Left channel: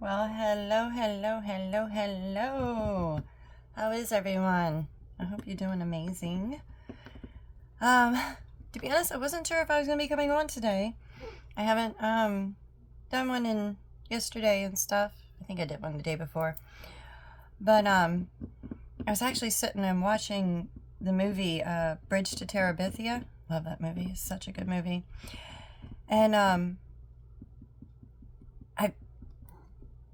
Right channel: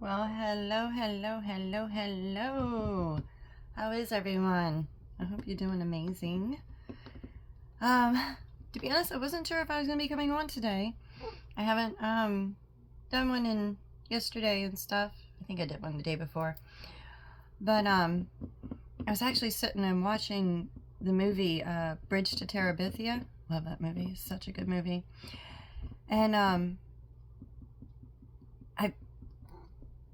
Well, hello, hello, hello, hello. How is everyone? I hope you're doing amazing. To be honest, I wasn't sure if I was gonna be coming on today. I haven't done one in yesterday and stuff. I think I did one the day before. But I was actually sitting and watching the movie Bridge to Terabithia. Love that movie. It's such a good movie. And I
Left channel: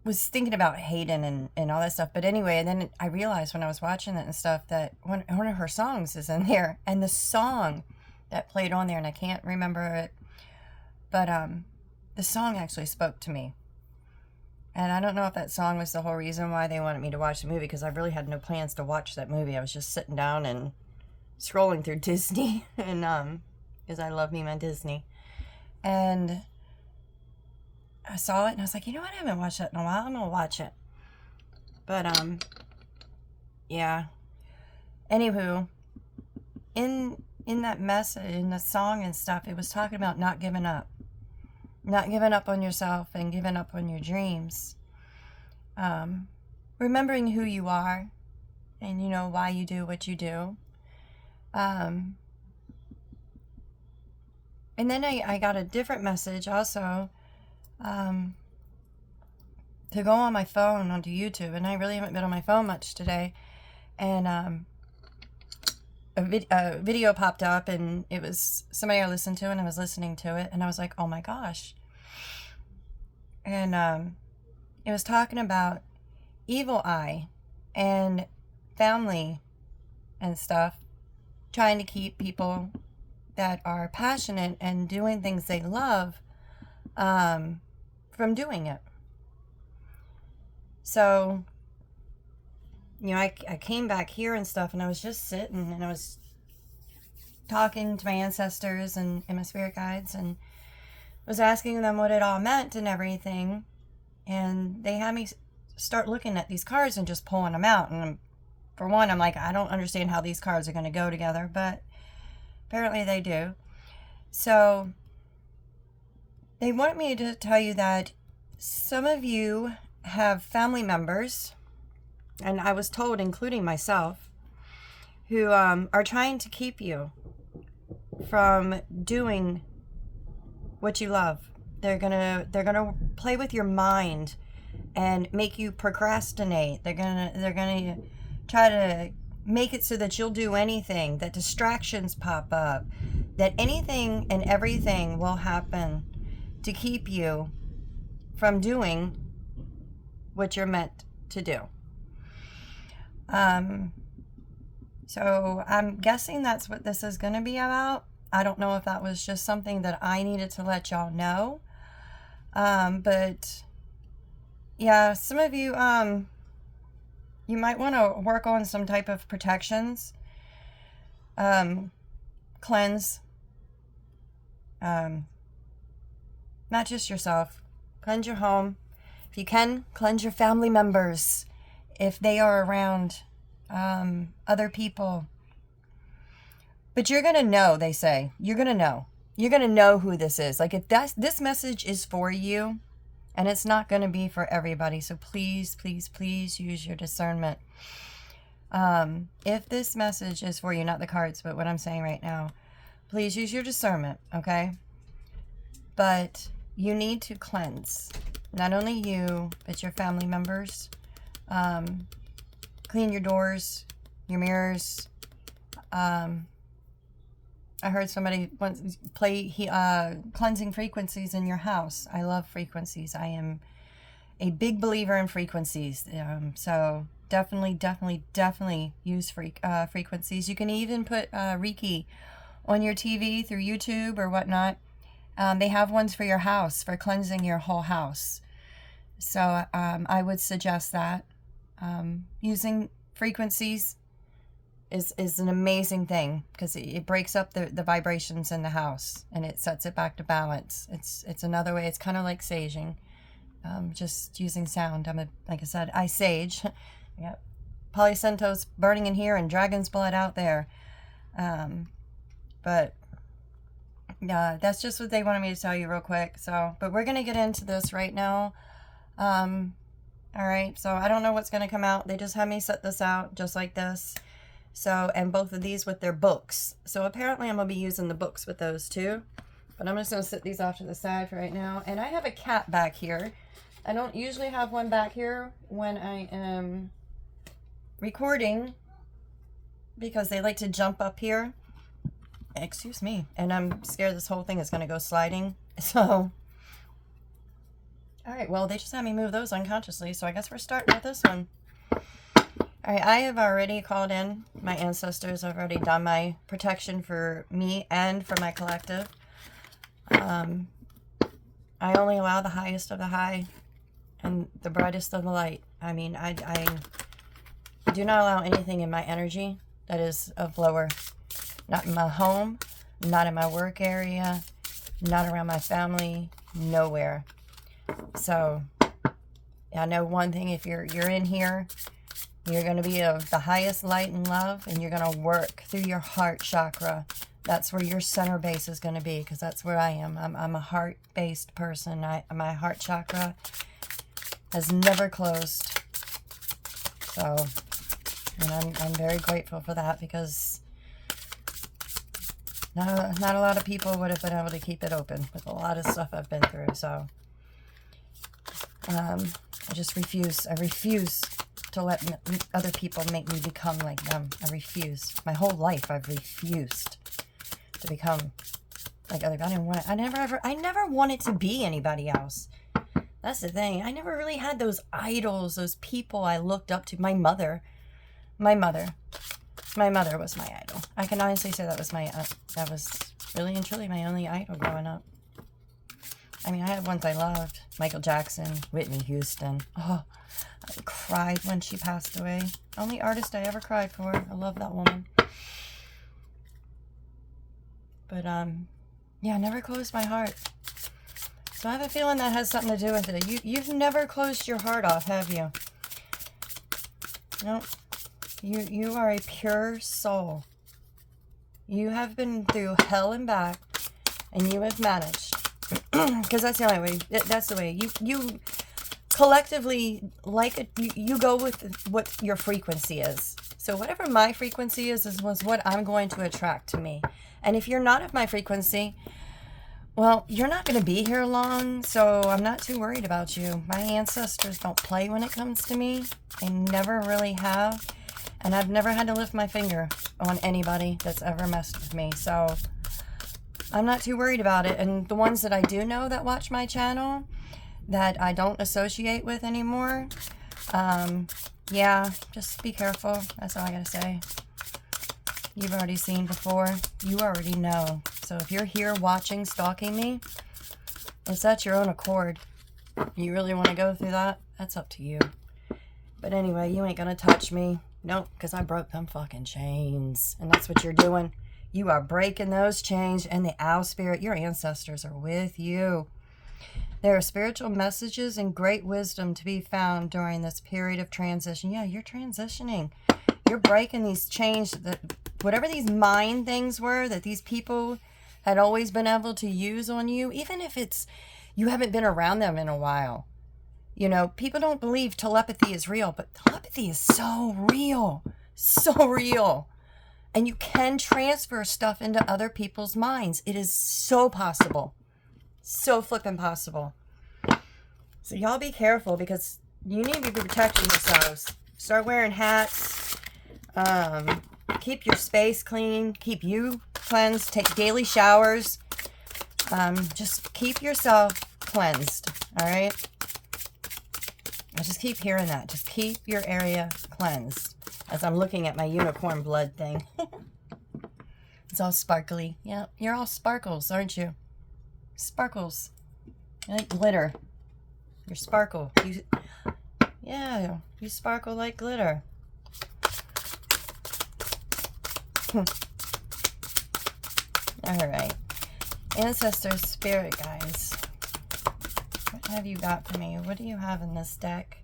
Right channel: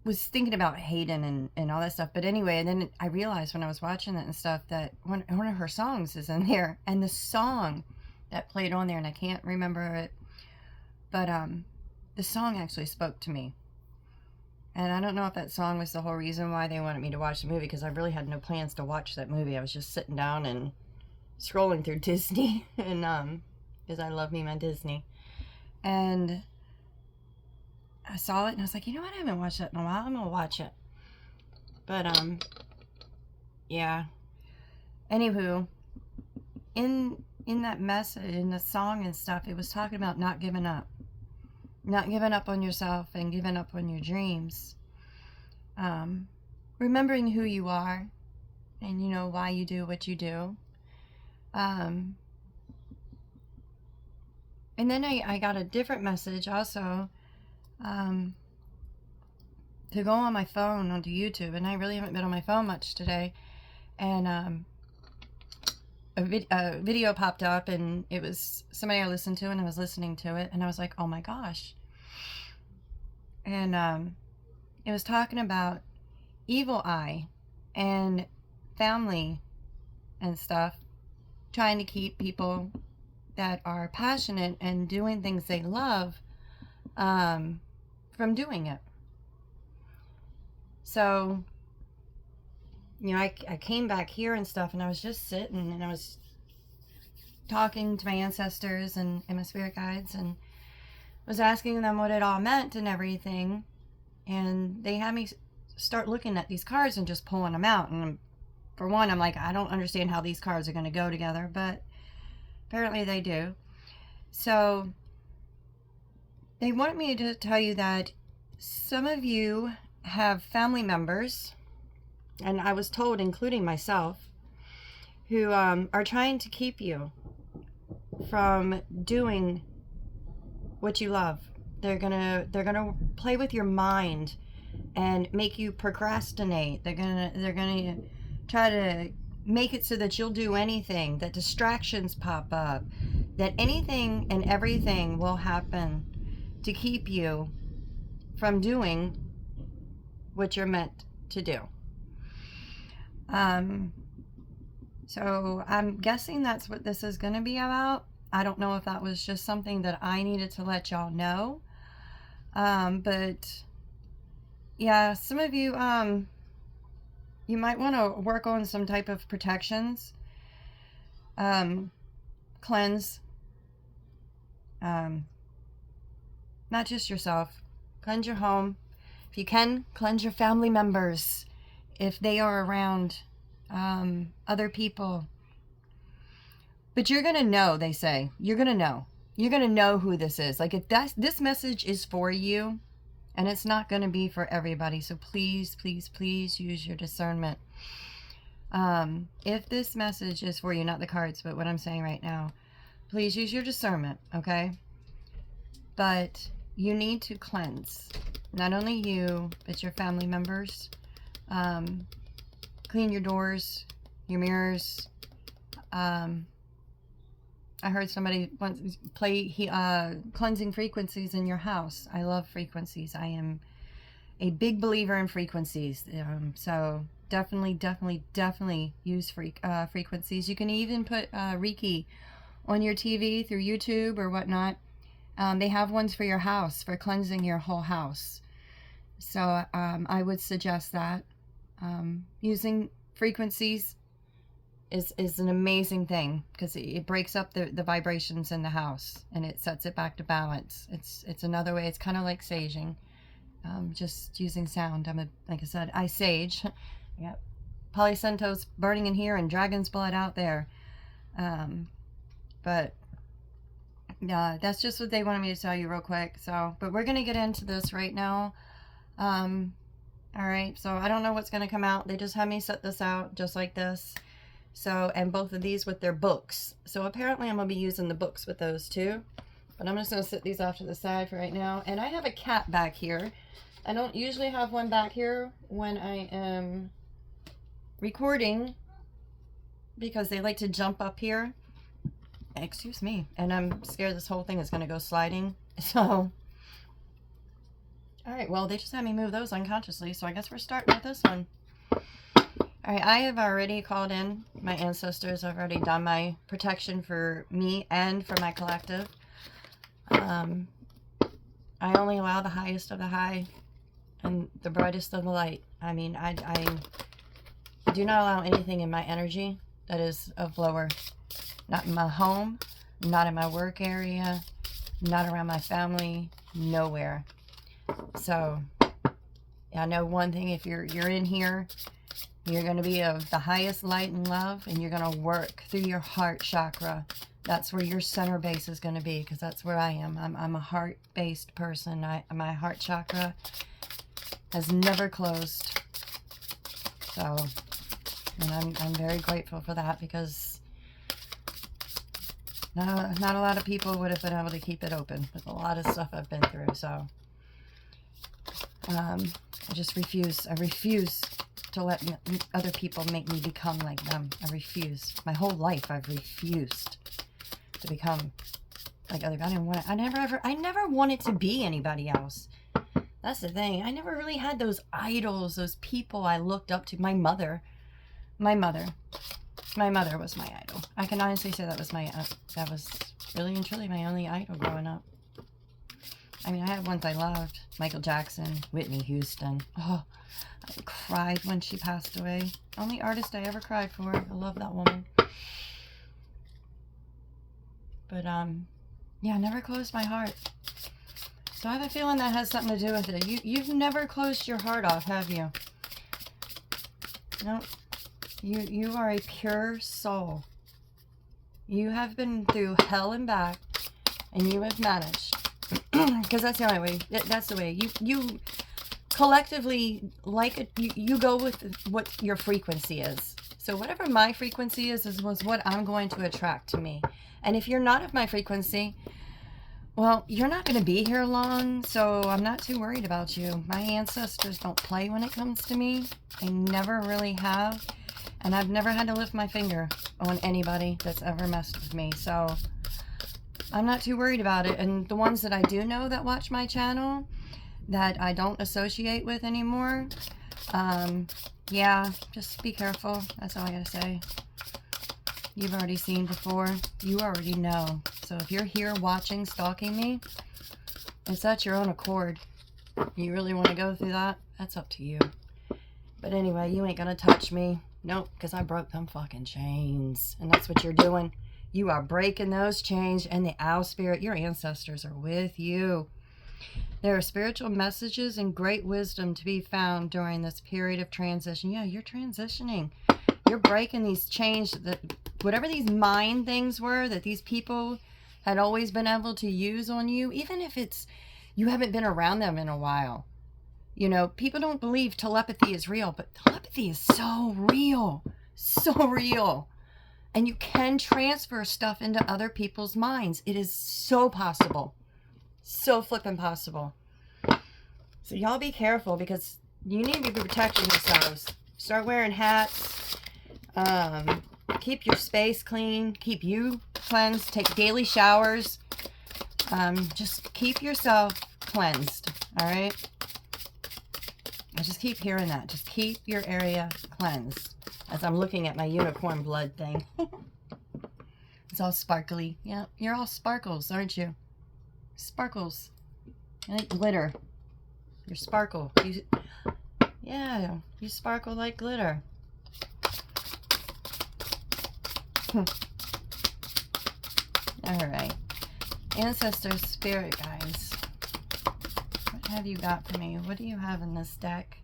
was thinking about Hayden and all that stuff. But anyway, and then I realized when I was watching it and stuff that one of her songs is in there. And the song that played on there, and I can't remember it, but the song actually spoke to me. And I don't know if that song was the whole reason why they wanted me to watch the movie, because I really had no plans to watch that movie. I was just sitting down and scrolling through Disney, and because I love me my Disney. And I saw it and I was like, you know what? I haven't watched that in a while. I'm gonna watch it. But yeah. Anywho, in that message, in the song and stuff, it was talking about not giving up, not giving up on yourself and giving up on your dreams. Remembering who you are, and you know why you do what you do. And then I got a different message also. To go on my phone onto YouTube, and I really haven't been on my phone much today. And a video popped up, and it was somebody I listened to, and I was listening to it, and I was like, oh my gosh. And it was talking about Evil Eye and family and stuff, trying to keep people that are passionate and doing things they love from doing it. So, you know, I came back here and stuff, and I was just sitting and I was talking to my ancestors and my spirit guides, and was asking them what it all meant and everything. And they had me start looking at these cards and just pulling them out. And for one, I'm like, I don't understand how these cards are going to go together, but apparently they do. So they want me to tell you that some of you have family members, and I was told, including myself, who are trying to keep you from doing what you love. They're gonna play with your mind and make you procrastinate. They're gonna try to make it so that you'll do anything, that distractions pop up, that anything and everything will happen to keep you from doing what you're meant to do. So I'm guessing that's what this is going to be about. I don't know if that was just something that I needed to let y'all know. But yeah, some of you, you might want to work on some type of protections. Cleanse. Not just yourself. Cleanse your home. If you can, cleanse your family members if they are around other people. But you're going to know, they say. You're going to know. You're going to know who this is. Like, if this message is for you, and it's not going to be for everybody, so please, please, please use your discernment. If this message is for you, not the cards, but what I'm saying right now, please use your discernment, okay? But you need to cleanse. Not only you, but your family members. Clean your doors, your mirrors. I heard somebody once play cleansing frequencies in your house. I love frequencies. I am a big believer in frequencies. So definitely, definitely, definitely use frequencies. You can even put Reiki on your TV through YouTube or whatnot. They have ones for your house, for cleansing your whole house. So I would suggest that. Using frequencies is an amazing thing, because it breaks up the vibrations in the house, and it sets it back to balance. It's another way. It's kind of like saging, just using sound. Like I said, I sage. Yeah, Polycentos burning in here and dragon's blood out there. But that's just what they wanted me to tell you real quick. So, but we're gonna get into this right now. All right, so I don't know what's going to come out. They just had me set this out just like this. So, and both of these with their books. So apparently I'm going to be using the books with those too. But I'm just going to set these off to the side for right now. And I have a cat back here. I don't usually have one back here when I am recording because they like to jump up here. Excuse me. And I'm scared this whole thing is going to go sliding. So, all right, well, they just had me move those unconsciously. So I guess we're starting with this one. All right, I have already called in my ancestors. I've already done my protection for me and for my collective. I only allow the highest of the high and the brightest of the light. I mean, I do not allow anything in my energy that is of lower. Not in my home, not in my work area, not around my family, nowhere. So, I know one thing, if you're in here, you're going to be of the highest light and love, and you're going to work through your heart chakra. That's where your center base is going to be, because that's where I am. I'm a heart-based person. My heart chakra has never closed. So, and I'm very grateful for that, because not a lot of people would have been able to keep it open with a lot of stuff I've been through. So, I just refuse. I refuse to let other people make me become like them. I refuse. My whole life I've refused to become like other people. I never wanted to be anybody else. That's the thing. I never really had those idols, those people I looked up to. My mother was my idol. I can honestly say that was really and truly my only idol growing up. I mean, I had ones I loved. Michael Jackson, Whitney Houston. Oh, I cried when she passed away. Only artist I ever cried for. I love that woman. But, yeah, I never closed my heart. So I have a feeling that has something to do with it. You've never closed your heart off, have you? No. You are a pure soul. You have been through hell and back, and you have managed. Because that's the only way. That's the way. You collectively, like it, you go with what your frequency is. So whatever my frequency is what I'm going to attract to me. And if you're not of my frequency, well, you're not going to be here long, so I'm not too worried about you. My ancestors don't play when it comes to me. They never really have. And I've never had to lift my finger on anybody that's ever messed with me. So I'm not too worried about it. And the ones that I do know that watch my channel that I don't associate with anymore, yeah, just be careful. That's all I gotta say. You've already seen before. You already know. So if you're here watching, stalking me, it's at your own accord. You really want to go through that? That's up to you. But anyway, you ain't gonna touch me. Nope, because I broke them fucking chains. And that's what you're doing. You are breaking those chains, and the owl spirit, your ancestors are with you. There are spiritual messages and great wisdom to be found during this period of transition. Yeah, you're transitioning. You're breaking these chains, whatever these mind things were that these people had always been able to use on you, even if it's you haven't been around them in a while. You know, people don't believe telepathy is real, but telepathy is so real. So real. And you can transfer stuff into other people's minds. It is so possible. So flippin' possible. So y'all be careful, because you need to be protecting yourselves. Start wearing hats. Keep your space clean. Keep you cleansed. Take daily showers. Just keep yourself cleansed. All right? I just keep hearing that. Just keep your area cleansed. As I'm looking at my unicorn blood thing. It's all sparkly. Yeah, you're all sparkles, aren't you? Sparkles. You like glitter. You're sparkle. Yeah, you sparkle like glitter. Alright. Ancestors, spirit guides. What have you got for me? What do you have in this deck?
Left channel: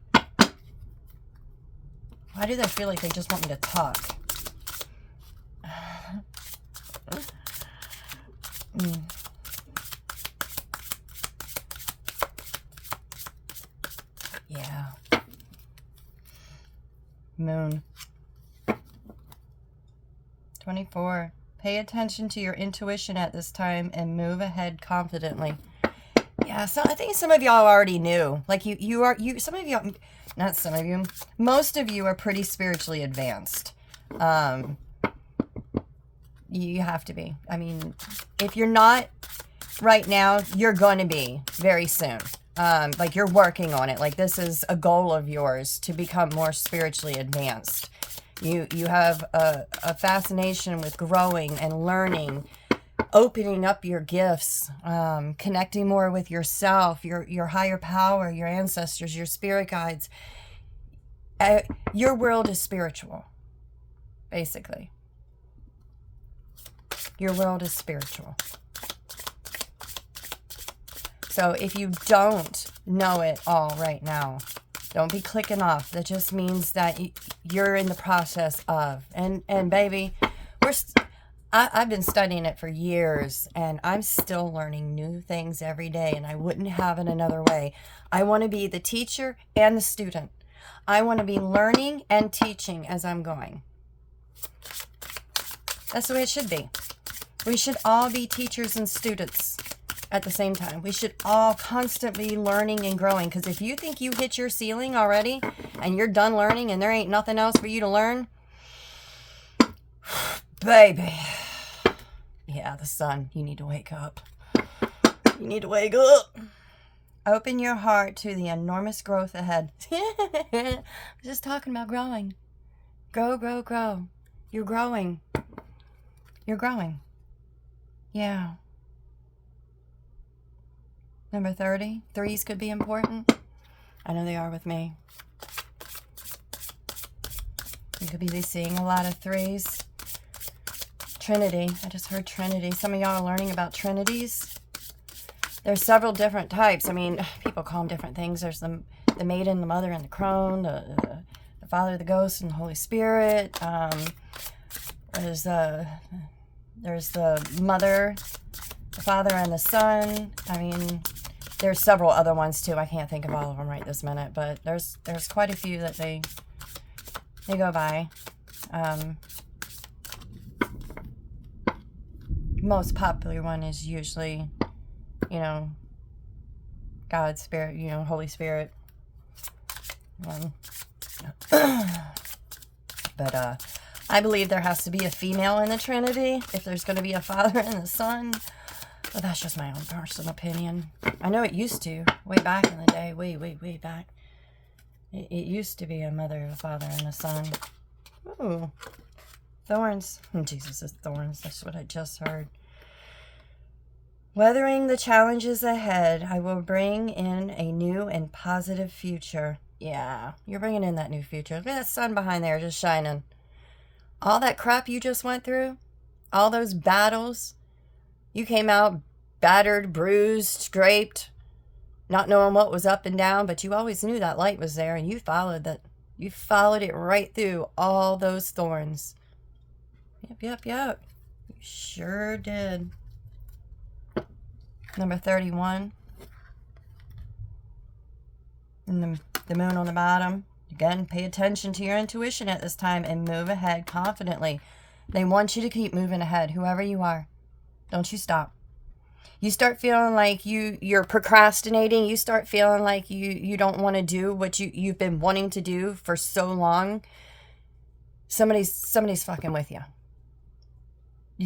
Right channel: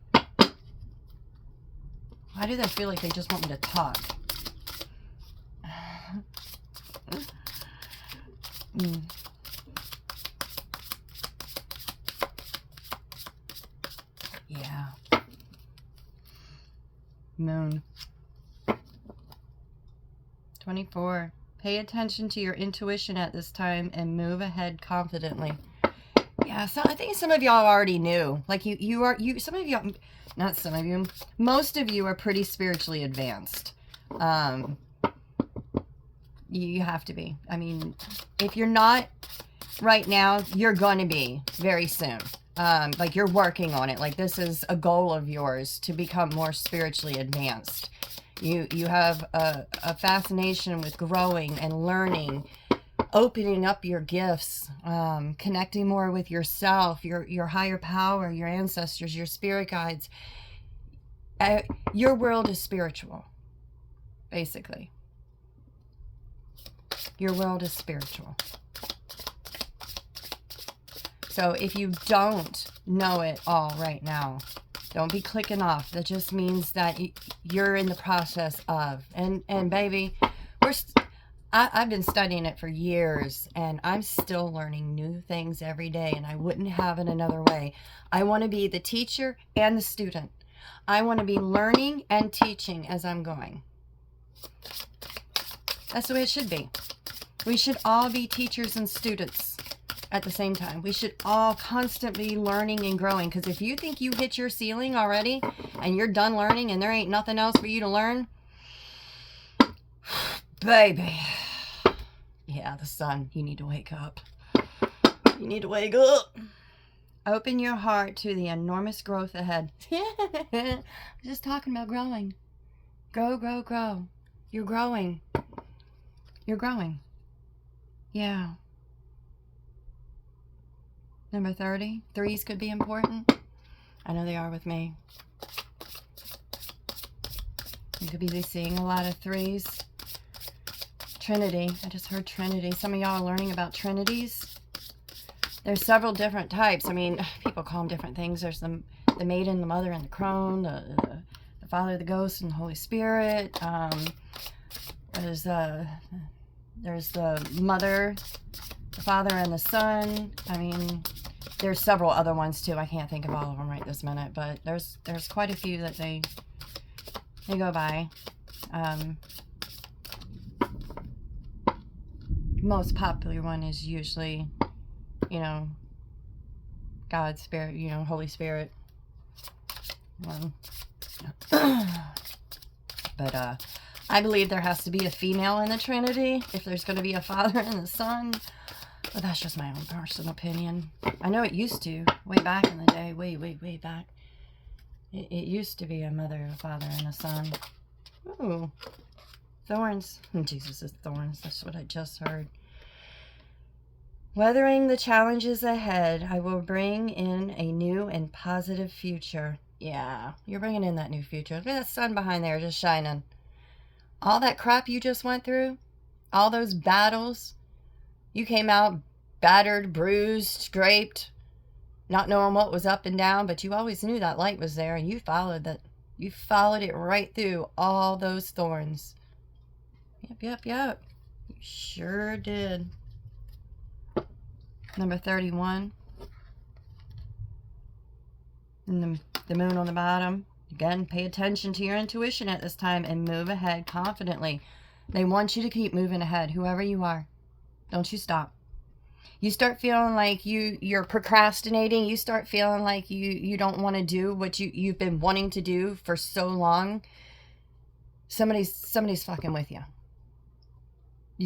Why do they feel like they just want me to talk? Yeah. Moon. 24. Pay attention to your intuition at this time and move ahead confidently. Yeah, so I think some of y'all already knew. Like some of you, not some of you, most of you are pretty spiritually advanced. You have to be. I mean, if you're not right now, you're going to be very soon. Like you're working on it. Like this is a goal of yours to become more spiritually advanced. You have a fascination with growing and learning, opening up your gifts, connecting more with yourself, your higher power, your ancestors, your spirit guides. Your world is spiritual, basically. Your world is spiritual. So if you don't know it all right now, don't be clicking off. That just means that you're in the process of. And baby, I've been studying it for years, and I'm still learning new things every day, and I wouldn't have it another way. I want to be the teacher and the student. I want to be learning and teaching as I'm going. That's the way it should be. We should all be teachers and students at the same time. We should all constantly be learning and growing, because if you think you hit your ceiling already and you're done learning and there ain't nothing else for you to learn, baby, yeah, the sun, you need to wake up. You need to wake up. Open your heart to the enormous growth ahead. Just talking about growing. Grow, grow, grow. You're growing. You're growing. Yeah. Number 30. Threes could be important. I know they are with me. You could be seeing a lot of threes. Trinity. I just heard Trinity. Some of y'all are learning about Trinities. There's several different types. I mean, people call them different things. There's the maiden, the mother, and the crone, the Father, the Ghost, and the Holy Spirit. There's the Mother, the Father, and the Son. I mean, there's several other ones too. I can't think of all of them right this minute, but there's quite a few that they go by. Most popular one is usually, God, Spirit, Holy Spirit. But I believe there has to be a female in the Trinity if there's going to be a Father and a Son. But that's just my own personal opinion. I know it used to, way back in the day, way back. It used to be a mother, a father, and a son. Ooh, thorns. Jesus is thorns. That's what I just heard. Weathering the challenges ahead, I will bring in a new and positive future. Yeah, you're bringing in that new future. Look at that sun behind there just shining. All that crap you just went through, all those battles, you came out battered, bruised, scraped, not knowing what was up and down, but you always knew that light was there, and you followed that. You followed it right through all those thorns. Yep. You sure did. Number 31. And the moon on the bottom. Again, pay attention to your intuition at this time and move ahead confidently. They want you to keep moving ahead, whoever you are. Don't you stop. You start feeling like you're procrastinating. You start feeling like you don't want to do what you've been wanting to do for so long. Somebody's fucking with you.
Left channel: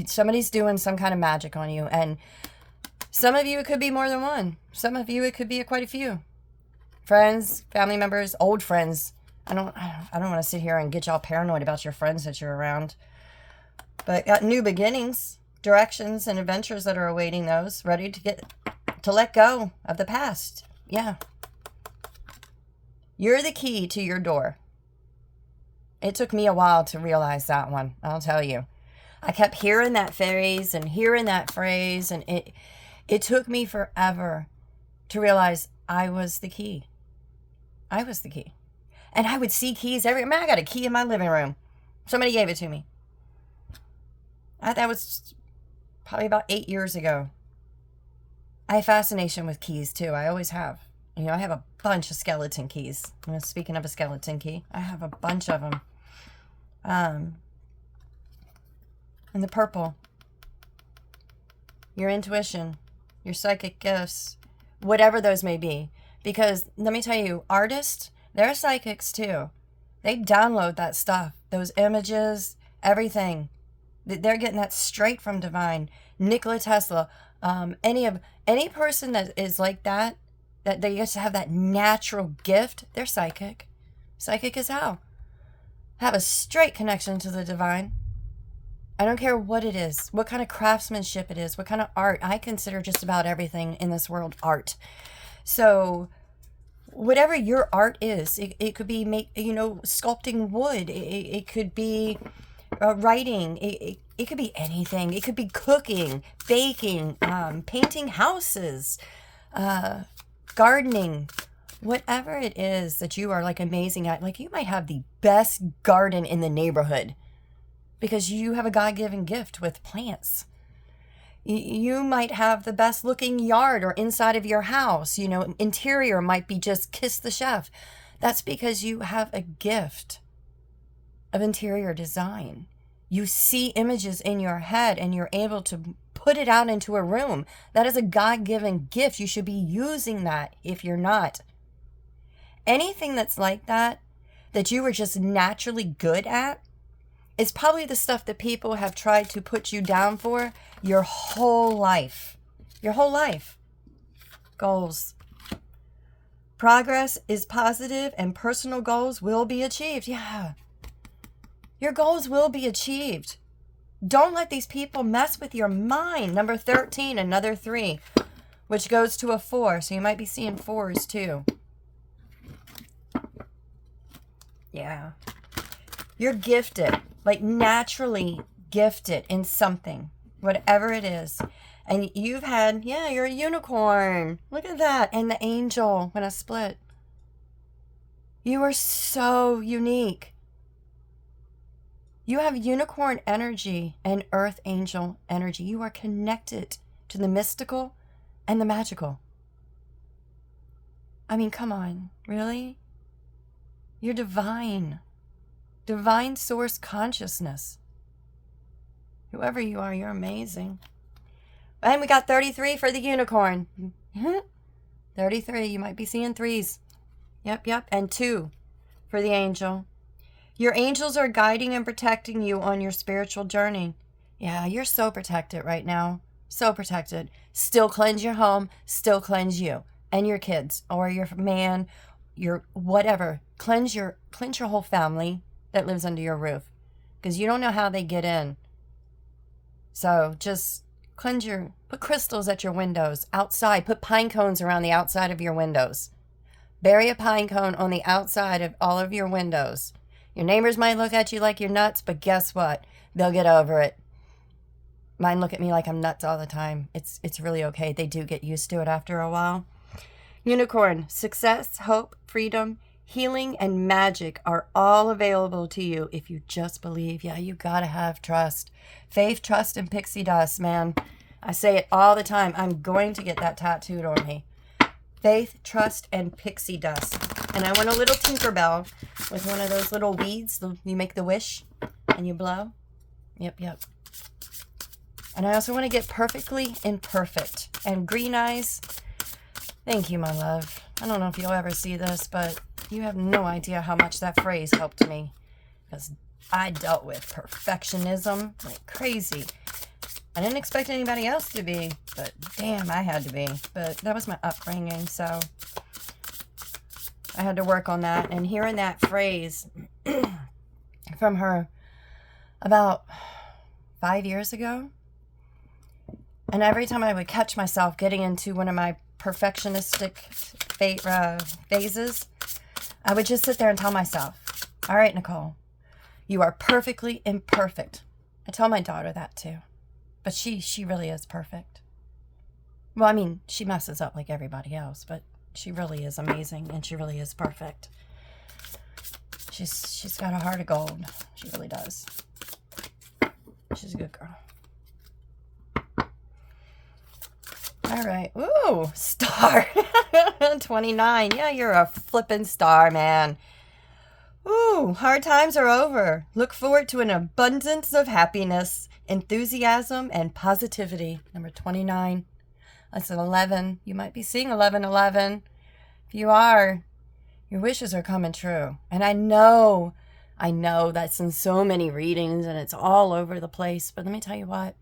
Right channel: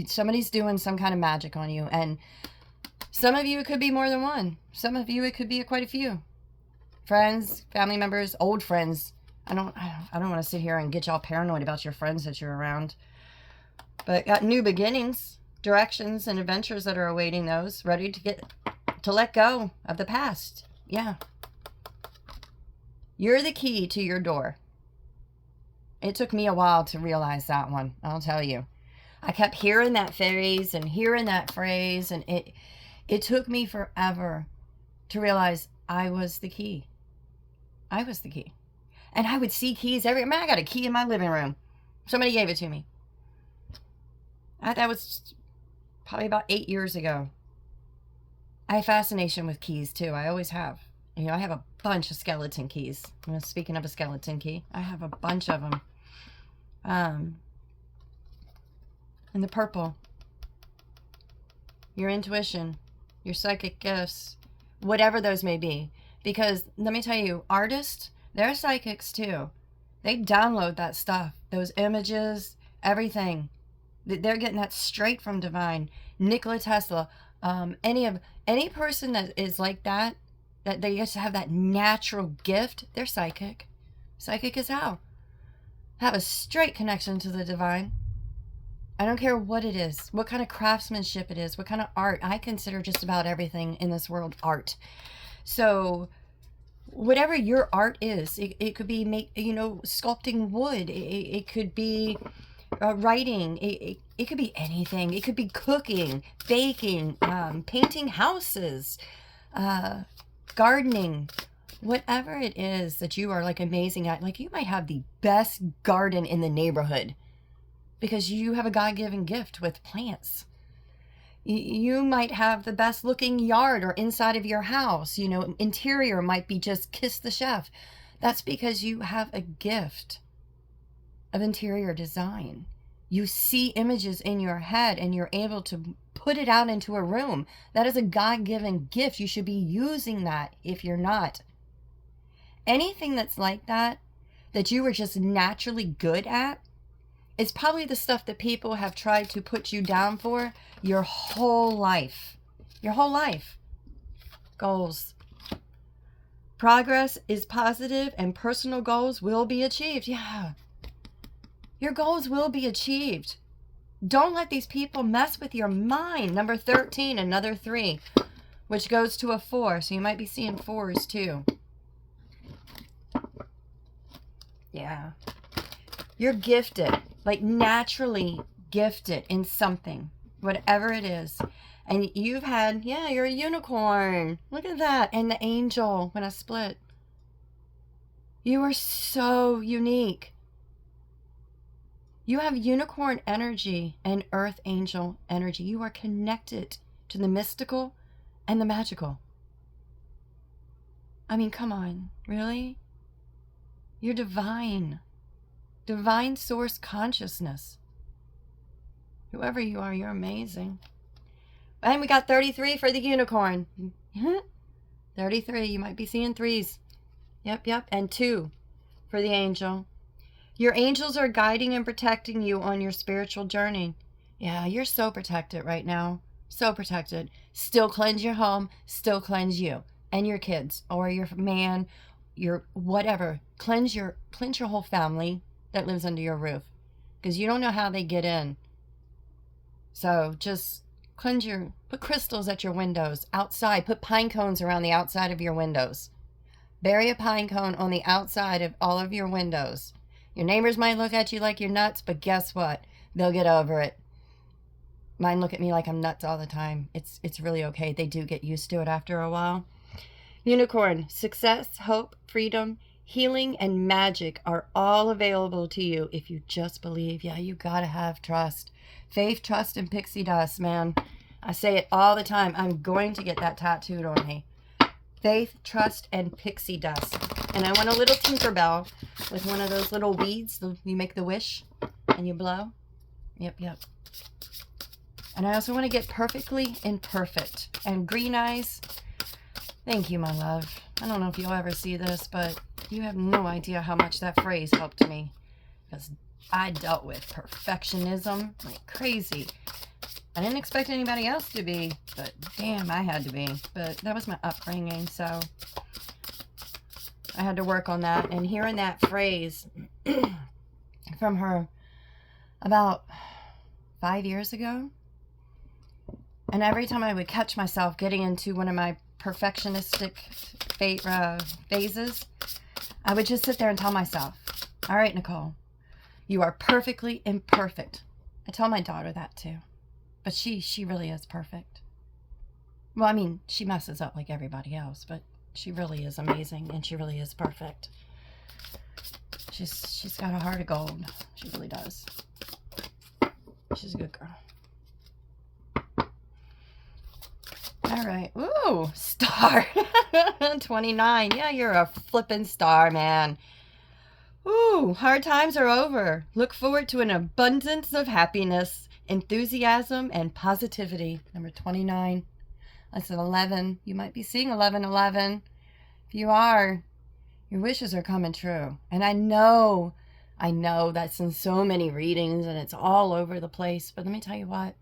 Somebody's doing some kind of magic on you. And some of you, it could be more than one. Some of you, it could be quite a few. Friends, family members, old friends. I don't want to sit here and get y'all paranoid about your friends that you're around. But got new beginnings, directions, and adventures that are awaiting those, ready to let go of the past. Yeah. You're the key to your door. It took me a while to realize that one, I'll tell you. I kept hearing that phrase, and it took me forever to realize I was the key. I was the key. And I would see keys everywhere. Man, I got a key in my living room. Somebody gave it to me. That was probably about 8 years ago. I have fascination with keys too. I always have. You know, I have a bunch of skeleton keys. You know, speaking of a skeleton key, I have a bunch of them. And the purple, your intuition, your psychic gifts, whatever those may be. Because let me tell you, artists, they're psychics too. They download that stuff, those images, everything. They're getting that straight from divine. Nikola Tesla, any person that is like that they used to have that natural gift, they're psychic. Psychic as hell. Have a straight connection to the divine. I don't care what it is, what kind of craftsmanship it is, what kind of art. I consider just about everything in this world art. So whatever your art is, it could be sculpting wood. It could be writing. It could be anything. It could be cooking, baking, painting houses, gardening, whatever it is that you are like amazing at. Like, you might have the best garden in the neighborhood because you have a God-given gift with plants. You might have the best looking yard or inside of your house. You know, interior might be just kiss the chef. That's because you have a gift of interior design. You see images in your head and you're able to put it out into a room. That is a God-given gift. You should be using that if you're not. Anything that's like that you were just naturally good at, is probably the stuff that people have tried to put you down for your whole life. Your whole life. Goals. Progress is positive and personal goals will be achieved. Yeah. Your goals will be achieved. Don't let these people mess with your mind. Number 13, another 3, which goes to a 4. So you might be seeing 4s too. Yeah. You're gifted, like naturally gifted in something, whatever it is. And you've had, you're a unicorn. Look at that. And the angel when I split. You are so unique. You have unicorn energy and earth angel energy. You are connected to the mystical and the magical. I mean, come on, really? You're divine. Divine source consciousness. Whoever you are, you're amazing. And we got 33 for the unicorn. 33, you might be seeing 3s. Yep. And 2 for the angel. Your angels are guiding and protecting you on your spiritual journey. Yeah, you're so protected right now. So protected. Still cleanse your home. Still cleanse you and your kids or your man, your whatever. Cleanse your whole family that lives under your roof, because you don't know how they get in. So just put crystals at your windows, outside. Put pine cones around the outside of your windows. Bury a pine cone on the outside of all of your windows. Your neighbors might look at you like you're nuts, but guess what? They'll get over it. Mine look at me like I'm nuts all the time. It's really okay. They do get used to it after a while. Unicorn, success, hope, freedom, healing, and magic are all available to you if you just believe. Yeah, you gotta have trust. Faith, trust, and pixie dust, man. I say it all the time. I'm going to get that tattooed on me. Faith, trust, and pixie dust. And I want a little Tinkerbell with one of those little beads. You make the wish and you blow. Yep. And I also want to get perfectly imperfect. And green eyes. Thank you, my love. I don't know if you'll ever see this, but you have no idea how much that phrase helped me. Because I dealt with perfectionism like crazy. I didn't expect anybody else to be, but damn, I had to be. But that was my upbringing, so I had to work on that. And hearing that phrase from her about 5 years ago, and every time I would catch myself getting into one of my perfectionistic phases, I would just sit there and tell myself, all right, Nicole, you are perfectly imperfect. I tell my daughter that too. But she really is perfect. Well, I mean, she messes up like everybody else, but she really is amazing and she really is perfect. She's got a heart of gold. She really does. She's a good girl. All All right. Ooh, star. 29. Yeah, you're a flippin' star, man. Ooh, hard times are over. Look forward to an abundance of happiness, enthusiasm, and positivity. Number 29. That's an 11. You might be seeing 1111. If you are, your wishes are coming true. And I know that's in so many readings and it's all over the place. But let me tell you what.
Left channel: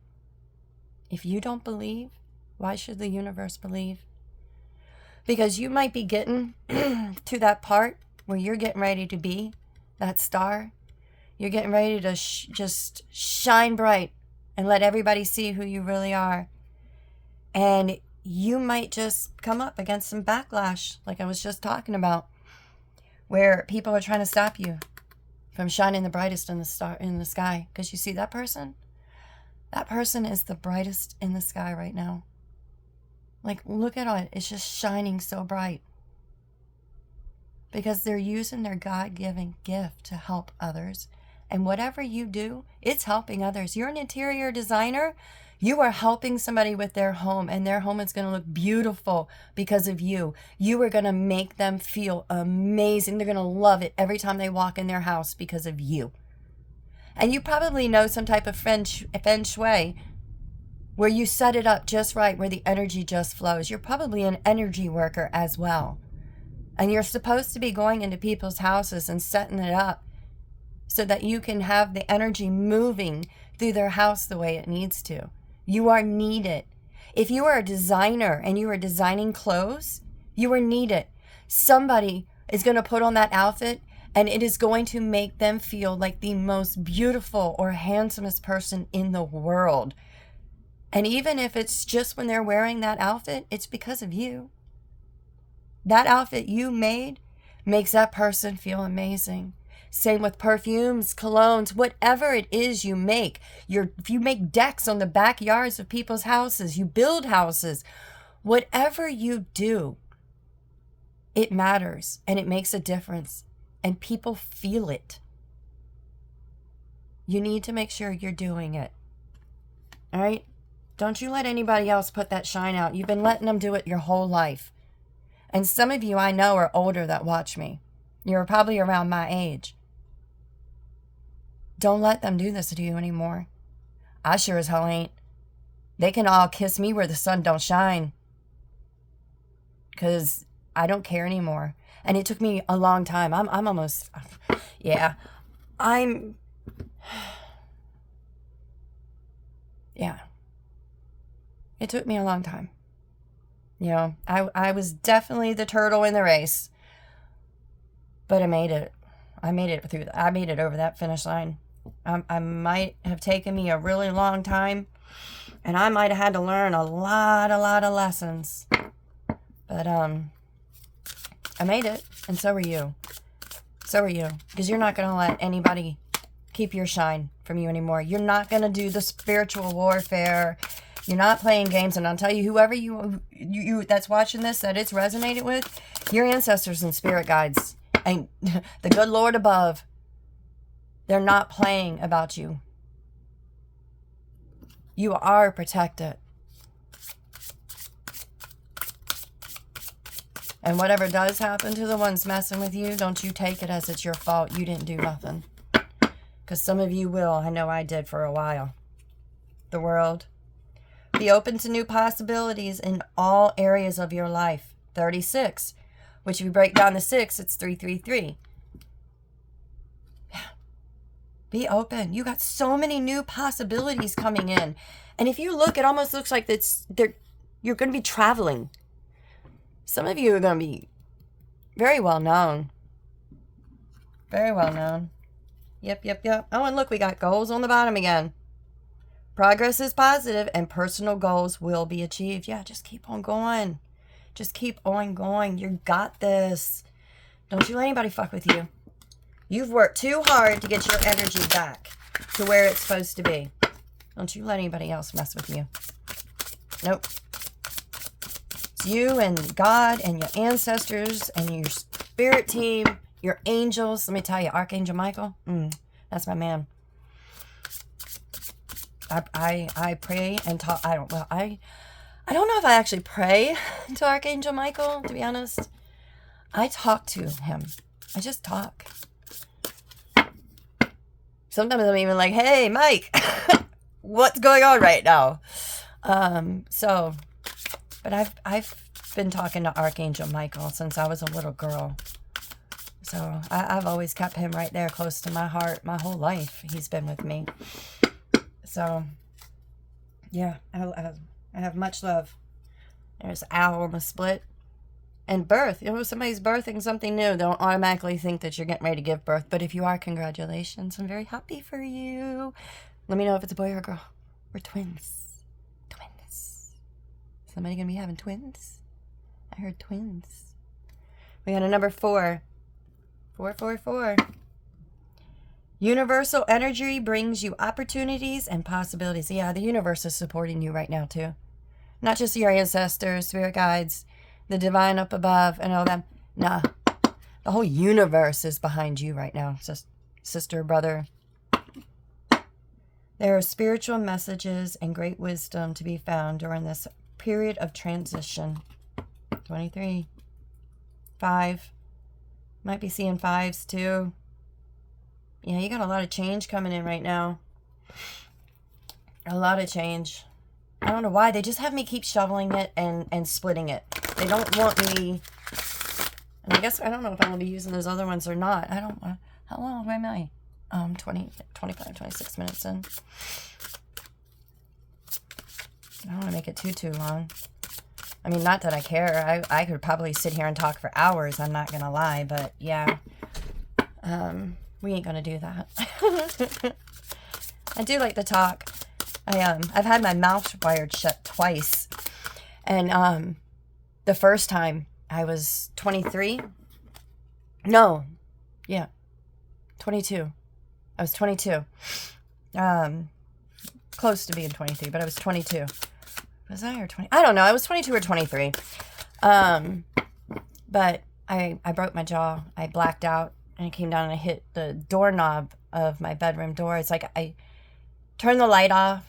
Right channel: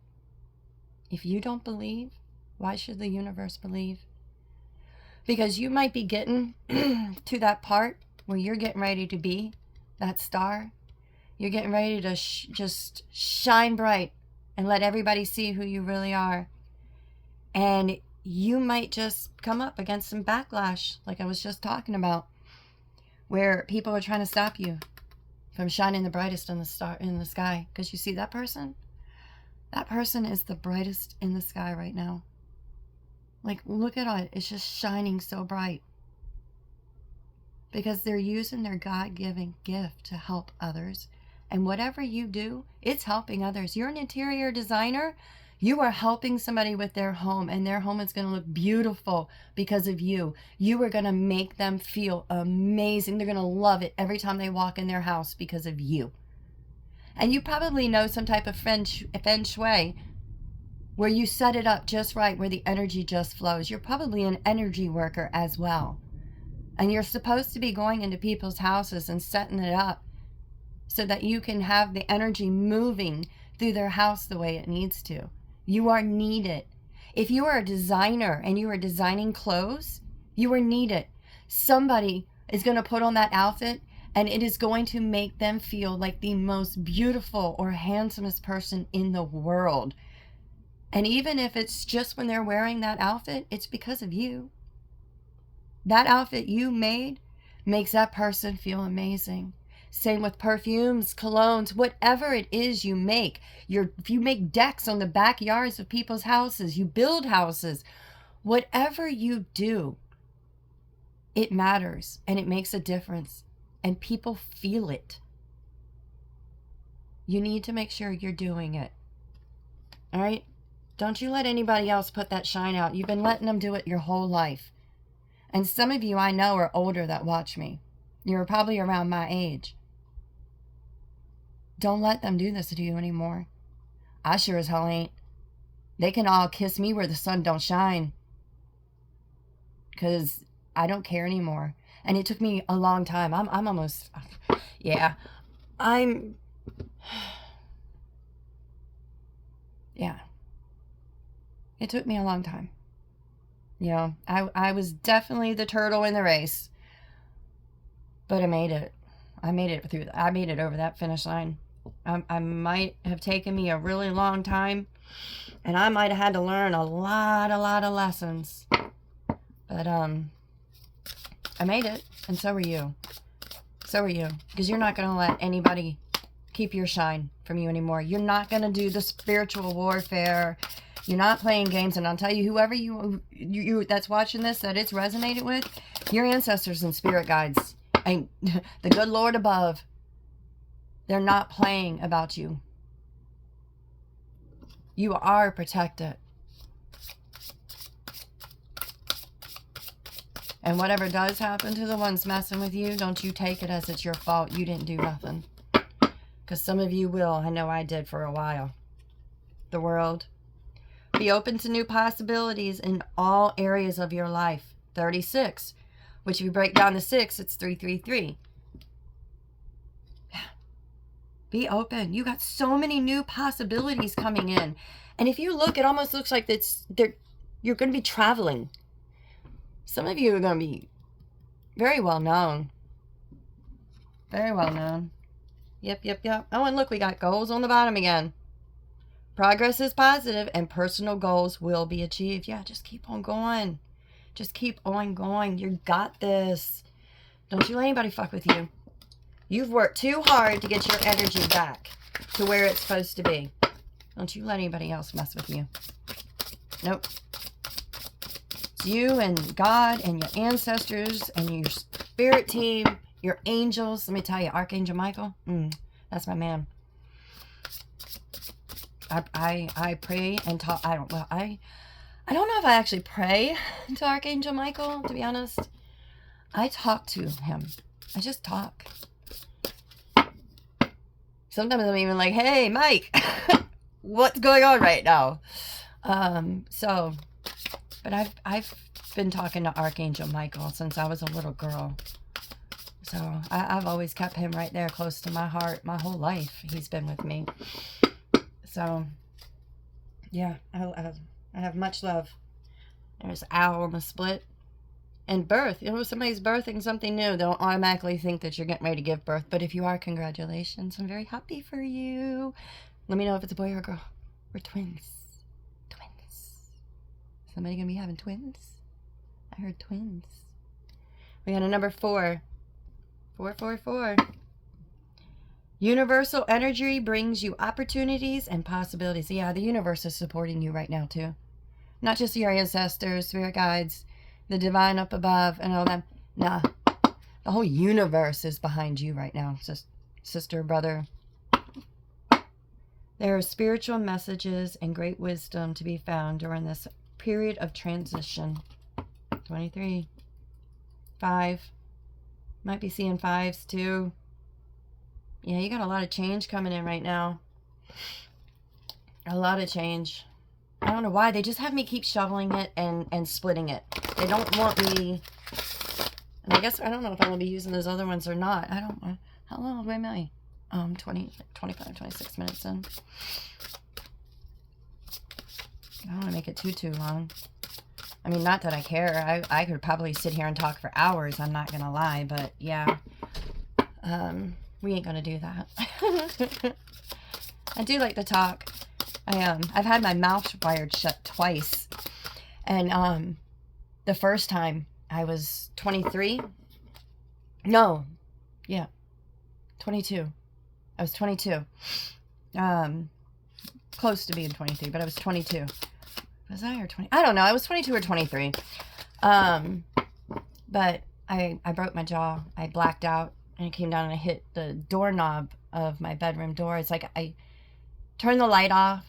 If you don't believe, why should the universe believe? Because you might be getting to that part where you're getting ready to be that star. You're getting ready to just shine bright and let everybody see who you really are. And you might just come up against some backlash, like I was just talking about, where people are trying to stop you from shining the brightest in the sky. Because you see that person? That person is the brightest in the sky right now. Like, look at it. It's just shining so bright. Because they're using their God-given gift to help others. And whatever you do, it's helping others. You're an interior designer. You are helping somebody with their home. And their home is going to look beautiful because of you. You are going to make them feel amazing. They're going to love it every time they walk in their house because of you. And you probably know some type of feng shui where you set it up just right, where the energy just flows. You're probably an energy worker as well. And you're supposed to be going into people's houses and setting it up so that you can have the energy moving through their house the way it needs to. You are needed. If you are a designer and you are designing clothes, you are needed. Somebody is going to put on that outfit and it is going to make them feel like the most beautiful or handsomest person in the world. And even if it's just when they're wearing that outfit, it's because of you. That outfit you made makes that person feel amazing. Same with perfumes, colognes, whatever it is you make. If you make decks on the backyards of people's houses, you build houses, whatever you do, it matters and it makes a difference and people feel it. You need to make sure you're doing it. All right? Don't you let anybody else put that shine out. You've been letting them do it your whole life. And some of you I know are older that watch me. You're probably around my age. Don't let them do this to you anymore. I sure as hell ain't. They can all kiss me where the sun don't shine. Because I don't care anymore. And it took me a long time. I'm almost... Yeah. Yeah. It took me a long time. You know, I was definitely the turtle in the race. But I made it. I made it over that finish line. I might have taken me a really long time. And I might have had to learn a lot of lessons. But, I made it. And so are you. So are you. Because you're not going to let anybody keep your shine from you anymore. You're not going to do the spiritual warfare. You're not playing games. And I'll tell you, whoever you that's watching this, that it's resonated with, your ancestors and spirit guides and the good Lord above, they're not playing about you. You are protected. And whatever does happen to the ones messing with you, don't you take it as it's your fault. You didn't do nothing. Because some of you will. I know I did for a while. The world. Be open to new possibilities in all areas of your life. 36. Which if you break down to 6, it's 333. Yeah. Be open. You got so many new possibilities coming in. And if you look, it almost looks like you're going to be traveling. Some of you are going to be very well known. Very well known. Yep. Oh, and look, we got goals on the bottom again. Progress is positive and personal goals will be achieved. Yeah, just keep on going. Just keep on going. You got this. Don't you let anybody fuck with you. You've worked too hard to get your energy back to where it's supposed to be. Don't you let anybody else mess with you. Nope. It's you and God and your ancestors and your spirit team, your angels. Let me tell you, Archangel Michael, that's my man. I pray and talk. I don't know. I I don't know if I actually pray to Archangel Michael, to be honest. I talk to him. I just talk. Sometimes I'm even like, hey, Mike, what's going on right now? But I've been talking to Archangel Michael since I was a little girl. So I've always kept him right there close to my heart my whole life. He's been with me. So, yeah, I have much love. There's Owl on the split. And birth. You know, if somebody's birthing something new, don't automatically think that you're getting ready to give birth. But if you are, congratulations. I'm very happy for you. Let me know if it's a boy or a girl. We're twins. Twins. Somebody gonna be having twins? I heard twins. We got a number 4. 444. Universal energy brings you opportunities and possibilities. Yeah, the universe is supporting you right now too. Not just your ancestors, spirit guides, the divine up above, and all that. Nah, the whole universe is behind you right now. Just sister, brother. There are spiritual messages and great wisdom to be found during this period of transition. 23. 5. Might be seeing 5s too. Yeah, you got a lot of change coming in right now. A lot of change. I don't know why. They just have me keep shoveling it and splitting it. They don't want me... And I guess I don't know if I'm going to be using those other ones or not. I don't... How long am I? 25, 26 minutes in. I don't want to make it too long. I mean, not that I care. I could probably sit here and talk for hours. I'm not going to lie. But, yeah. We ain't going to do that. I do like to talk. I've had my mouth wired shut twice. And, the first time I was 23. No. Yeah. 22. I was 22. Close to being 23, but I was 22. Was I or 20? I don't know. I was 22 or 23. But I broke my jaw. I blacked out and I came down and I hit the doorknob of my bedroom door. It's like I turned the light off.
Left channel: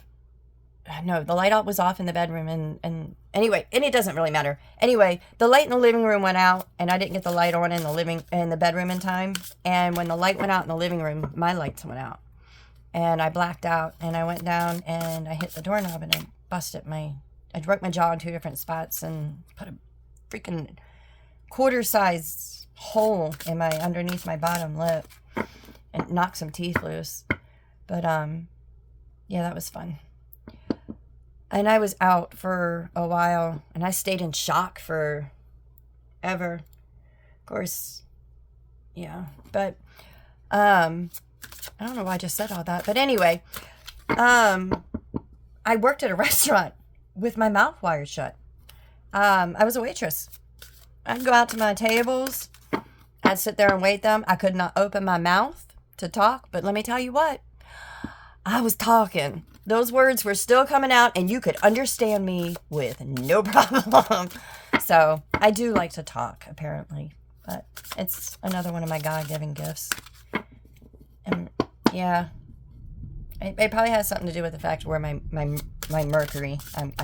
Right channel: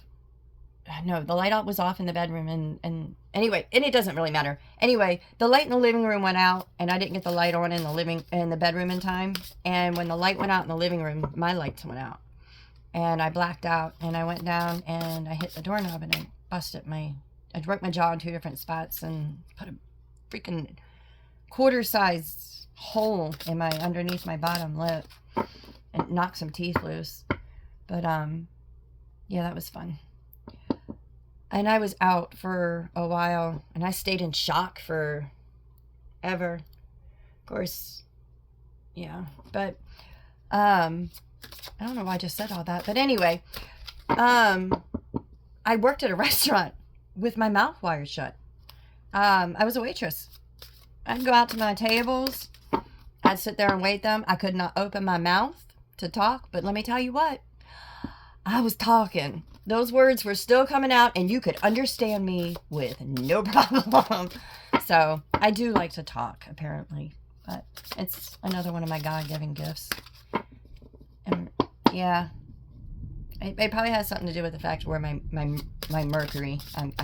No, the light was off in the bedroom and anyway, and it doesn't really matter. Anyway, the light in the living room went out and I didn't get the light on in the bedroom in time. And when the light went out in the living room, my lights went out. And I blacked out and I went down and I hit the doorknob and I broke my jaw in 2 different spots and put a freaking quarter-sized hole in underneath my bottom lip and knocked some teeth loose. But yeah, that was fun. And I was out for a while and I stayed in shock for ever. Of course, yeah. But I don't know why I just said all that. But anyway, I worked at a restaurant with my mouth wired shut. I was a waitress. I'd go out to my tables. I'd sit there and wait them. I could not open my mouth to talk. But let me tell you what. I was talking. Those words were still coming out and you could understand me with no problem. So I do like to talk, apparently. But it's another one of my God-given gifts. And yeah, it probably has something to do with the fact where my Mercury. I'm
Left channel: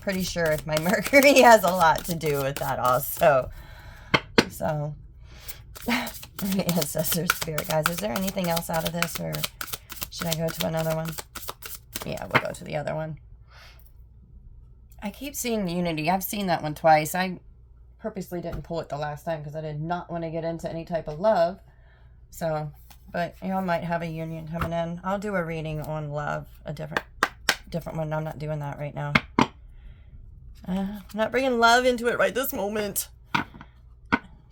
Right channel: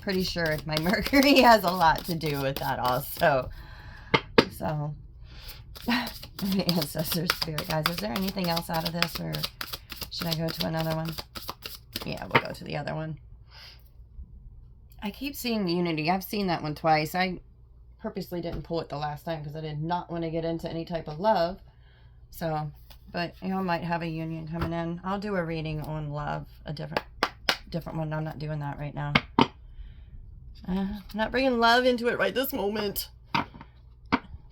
pretty sure my Mercury has a lot to do with that also. So, ancestors, spirit guys, is there anything else out of this, or should I go to another one? Yeah, we'll go to the other one. I keep seeing Unity. I've seen that one twice. I purposely didn't pull it the last time because I did not want to get into any type of love. So, but y'all might have a union coming in. I'll do a reading on love, a different one. I'm not doing that right now. I'm not bringing love into it right this moment.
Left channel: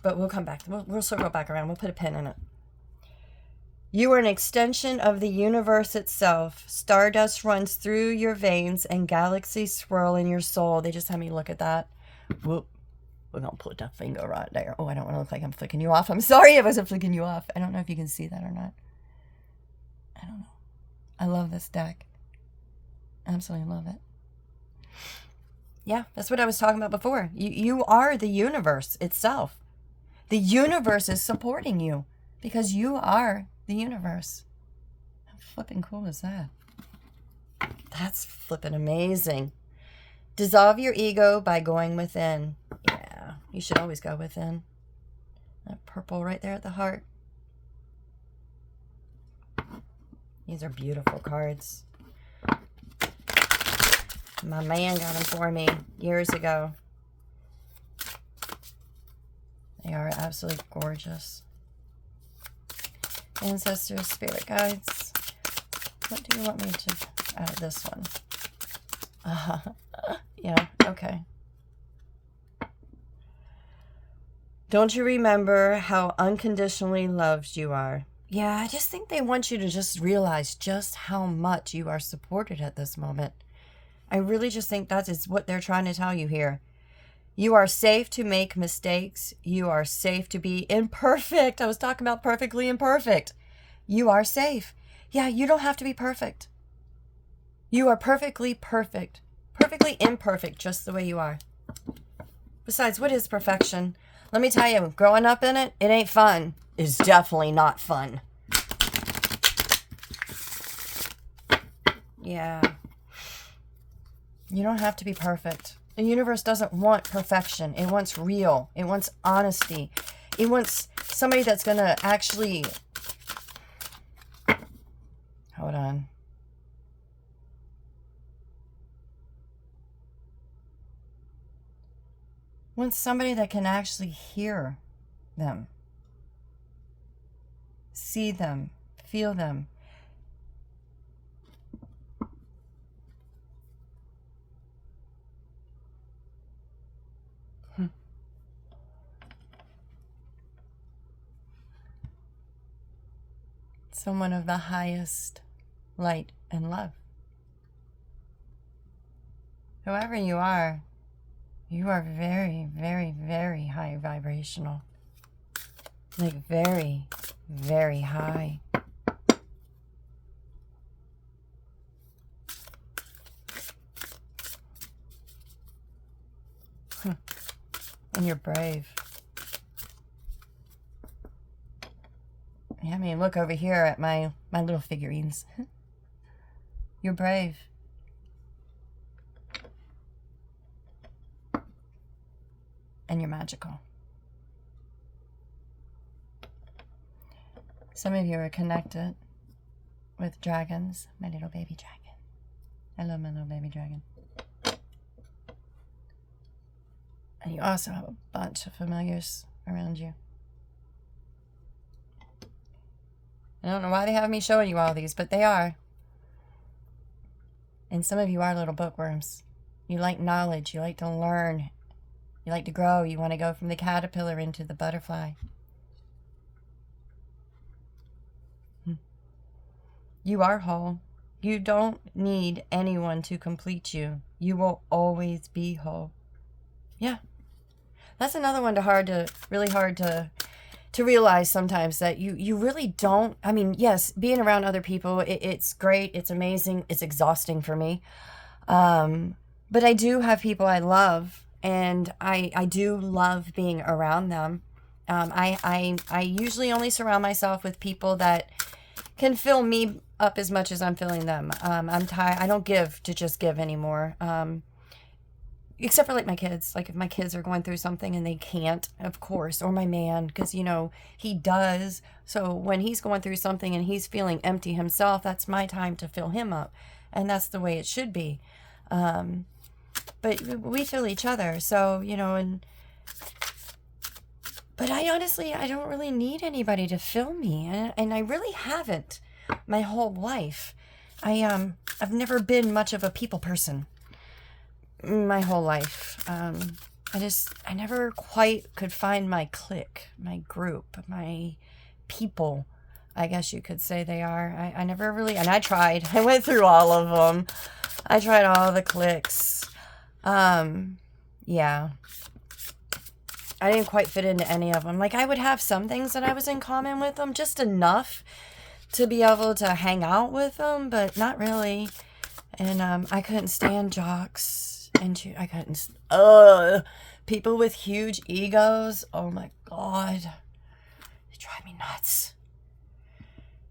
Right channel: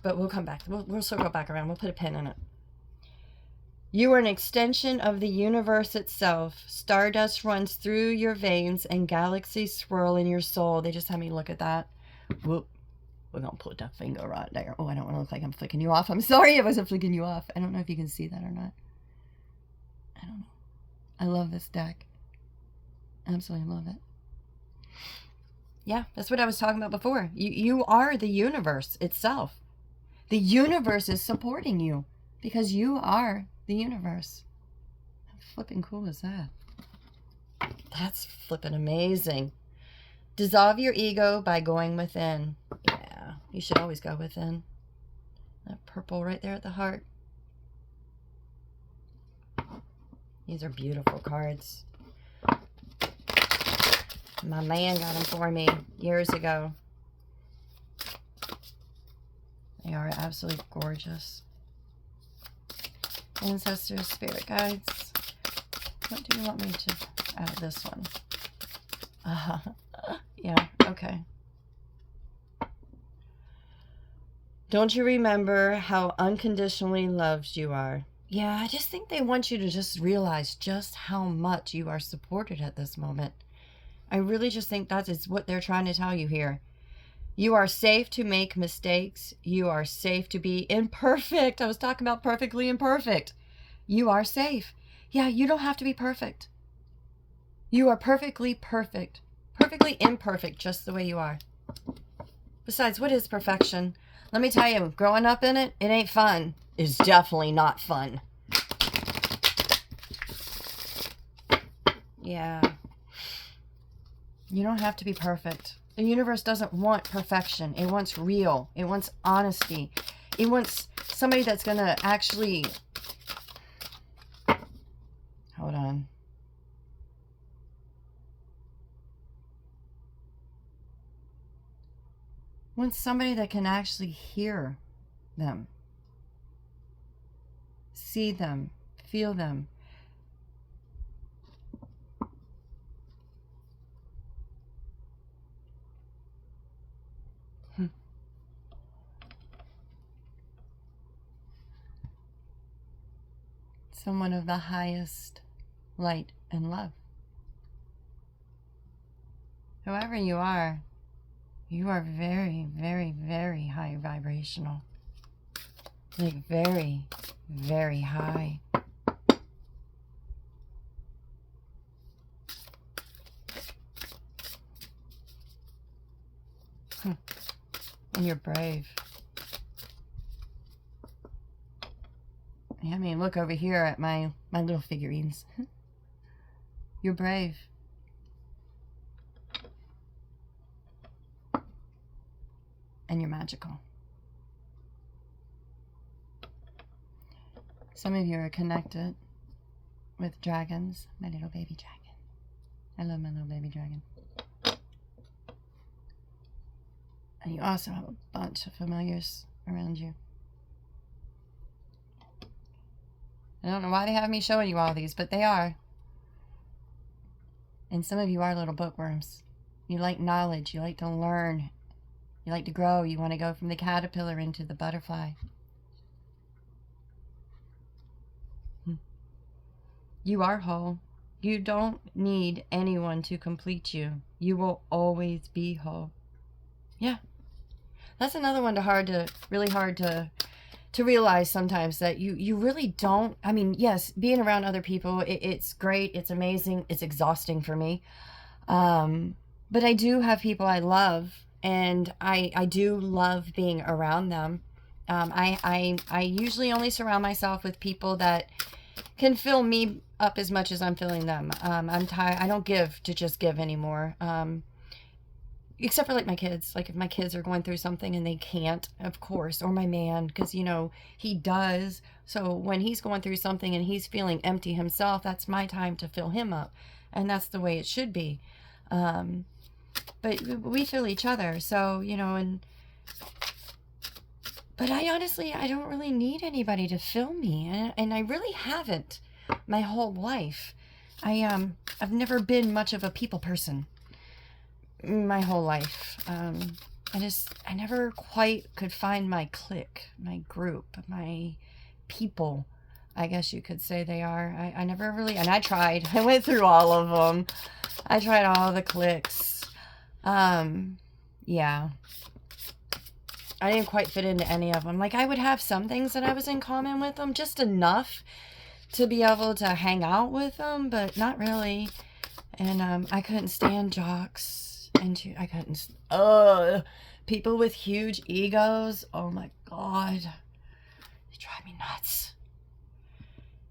But we'll come back. We'll circle back around. We'll put a pin in it. You are an extension of the universe itself. Stardust runs through your veins and galaxies swirl in your soul. They just had me look at that. Whoop. We're going to put that finger right there. Oh, I don't want to look like I'm flicking you off. I'm sorry if I wasn't flicking you off. I don't know if you can see that or not. I don't know. I love this deck. Absolutely love it. Yeah, that's what I was talking about before. You are the universe itself. The universe is supporting you because you are the universe. How flipping cool is that? That's flipping amazing. Dissolve your ego by going within. Yeah, you should always go within. That purple right there at the heart. These are beautiful cards. My man got them for me years ago. They are absolutely gorgeous. Ancestors, spirit guides. What do you want me to... Oh, this one. Yeah, okay. Don't you remember how unconditionally loved you are? Yeah, I just think they want you to just realize just how much you are supported at this moment. I really just think that is what they're trying to tell you here. You are safe to make mistakes. You are safe to be imperfect. I was talking about perfectly imperfect. You are safe. Yeah, you don't have to be perfect. You are perfectly perfect. Perfectly imperfect, just the way you are. Besides, what is perfection? Let me tell you, growing up in it, it ain't fun. It's definitely not fun. Yeah. You don't have to be perfect. The universe doesn't want perfection. It wants real. It wants honesty. It wants somebody that's going to actually... Hold on. Wants somebody that can actually hear them. See them. Feel them. Someone of the highest light and love. Whoever you are very, very, very high vibrational. Like very, very high. And you're brave. Yeah, I mean, look over here at my little figurines. You're brave. And you're magical. Some of you are connected with dragons. My little baby dragon. I love my little baby dragon. And you also have a bunch of familiars around you. I don't know why they have me showing you all these, but they are. And some of you are little bookworms. You like knowledge. You like to learn. You like to grow. You want to go from the caterpillar into the butterfly. You are whole. You don't need anyone to complete you. You will always be whole. Yeah. That's another one really hard to realize sometimes, that you really don't. I mean, yes, being around other people, it's great. It's amazing. It's exhausting for me. But I do have people I love, and I do love being around them. I usually only surround myself with people that can fill me up as much as I'm filling them. I'm tired. I don't give to just give anymore. Except for like my kids. Like if my kids are going through something and they can't, of course, or my man, because you know he does. So when he's going through something and he's feeling empty himself, that's my time to fill him up, and that's the way it should be. But we fill each other, so you know. But I honestly, I don't really need anybody to fill me, and I really haven't my whole life. I've never been much of a people person my whole life. I never quite could find my clique, my group, my people, I guess you could say they are. I never really, and I tried. I went through all of them. I tried all the cliques. Yeah. I didn't quite fit into any of them. Like, I would have some things that I was in common with them, just enough to be able to hang out with them, but not really. And I couldn't stand jocks. And I couldn't, people with huge egos. Oh my God. They drive me nuts.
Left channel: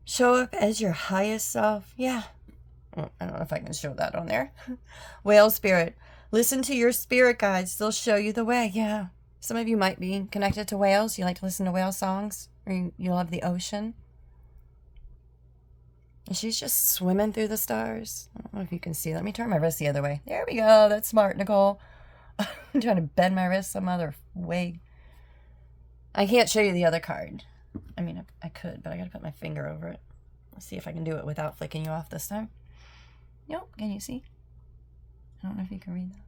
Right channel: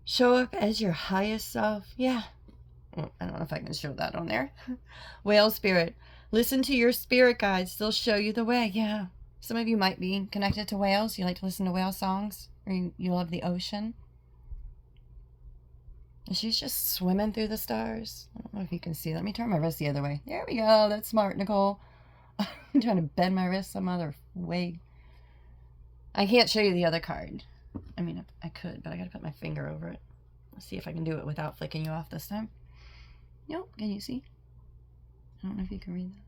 Show up as your highest self. Yeah. I don't know if I can show that on there. Whale spirit. Listen to your spirit guides. They'll show you the way. Yeah. Some of you might be connected to whales. You like to listen to whale songs. Or you love the ocean. And she's just swimming through the stars. I don't know if you can see. Let me turn my wrist the other way. There we go. That's smart, Nicole. I'm trying to bend my wrist some other way. I can't show you the other card. I mean, I could, but I gotta put my finger over it. Let's see if I can do it without flicking you off this time. Nope. Can you see? I don't know if you can read that.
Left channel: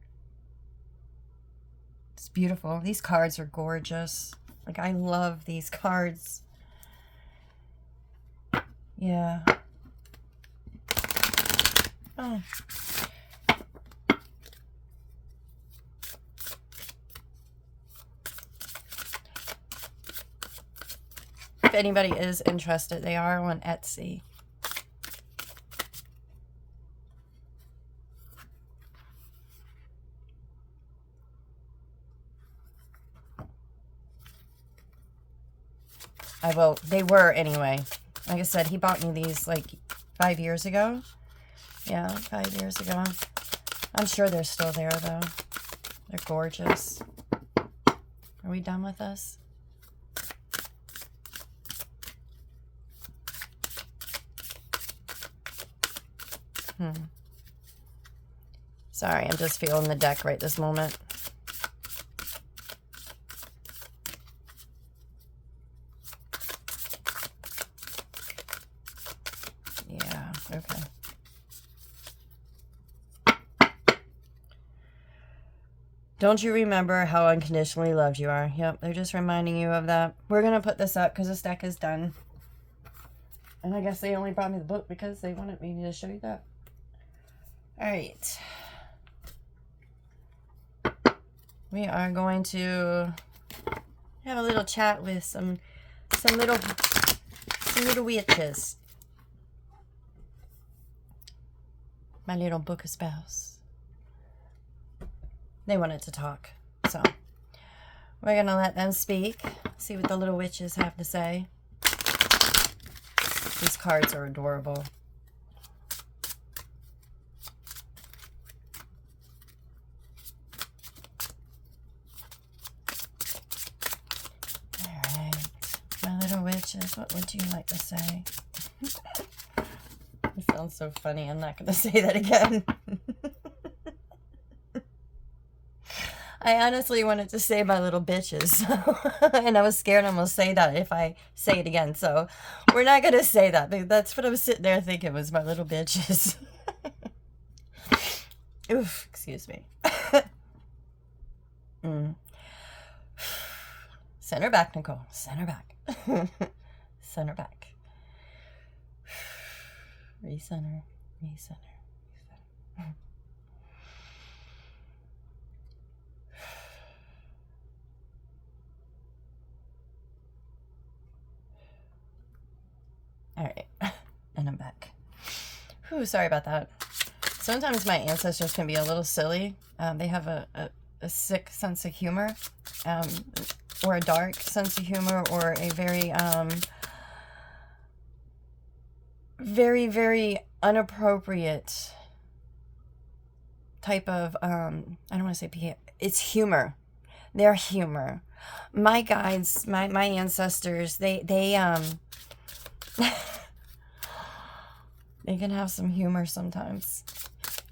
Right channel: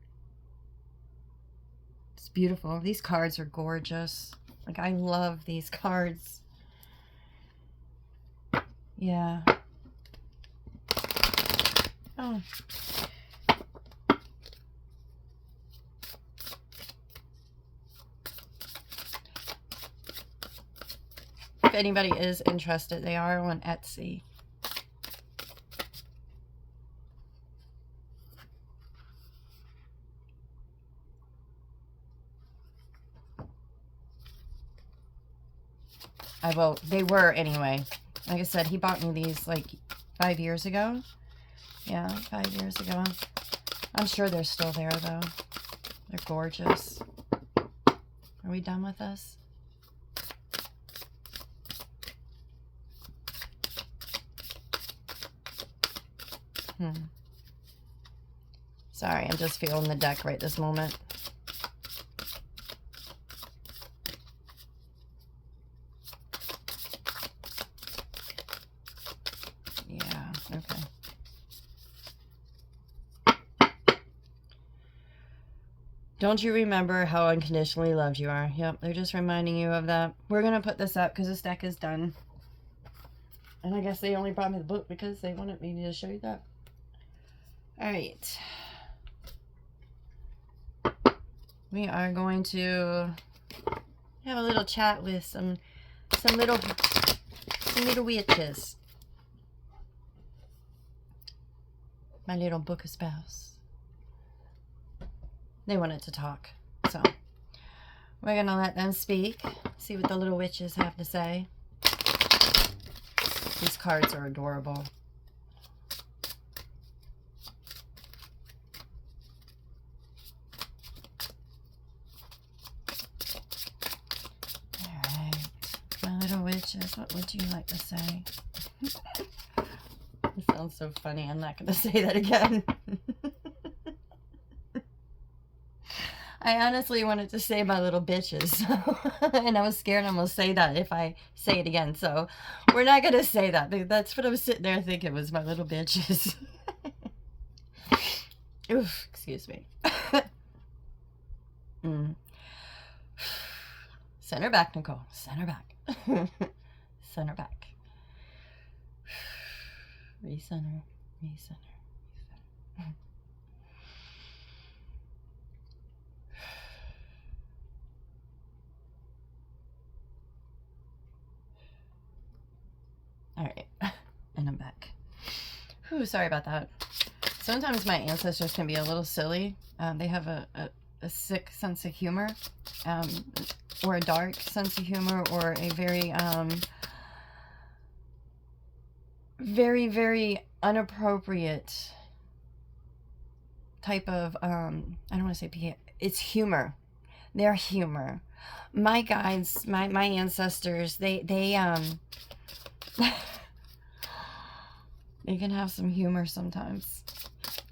It's beautiful. These cards are gorgeous. Like, I love these cards. Yeah. Oh. If anybody is interested, they are on Etsy. They were anyway. Like I said, he bought me these like 5 years ago. Yeah, 5 years ago. I'm sure they're still there though. They're gorgeous. Are we done with this? Sorry, I'm just feeling the deck right this moment. Yeah, okay. Don't you remember how unconditionally loved you are? Yep, they're just reminding you of that. We're going to put this up because this deck is done. And I guess they only brought me the book because they wanted me to show you that. All right. We are going to have a little chat with some little witches. My little book espouse. They wanted to talk, so we're gonna let them speak. See what the little witches have to say. These cards are adorable. Witches, what would you like to say? It sounds so funny. I'm not going to say that again. I honestly wanted to say my little bitches. And I was scared I'm going to say that if I say it again. So we're not going to say that. That's what I was sitting there thinking was my little bitches. Oof, excuse me. Center back, Nicole. Center back. Center back. Recenter. Recenter. Recenter. All right. And I'm back. Whew, sorry about that. Sometimes my ancestors can be a little silly. They have a sick sense of humor. Or a dark sense of humor, or a very, very, very inappropriate type of, I don't want to say behavior. It's humor. They're humor. My guides, my ancestors, they they can have some humor sometimes.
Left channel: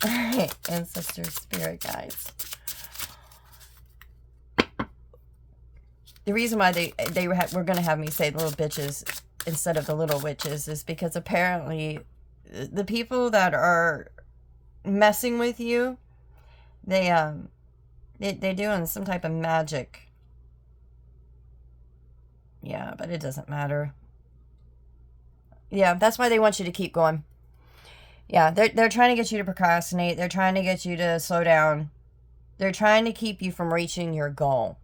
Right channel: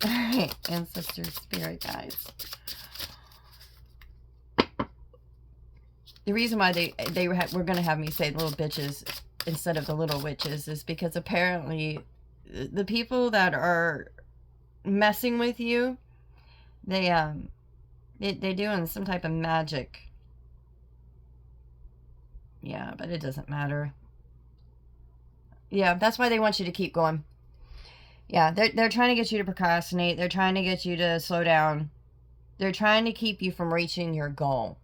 All right, ancestors, spirit guides. The reason why they were going to have me say little bitches instead of the little witches is because apparently the people that are messing with you, they're doing some type of magic. Yeah, but it doesn't matter. Yeah, that's why they want you to keep going. Yeah, they're trying to get you to procrastinate. They're trying to get you to slow down. They're trying to keep you from reaching your goal.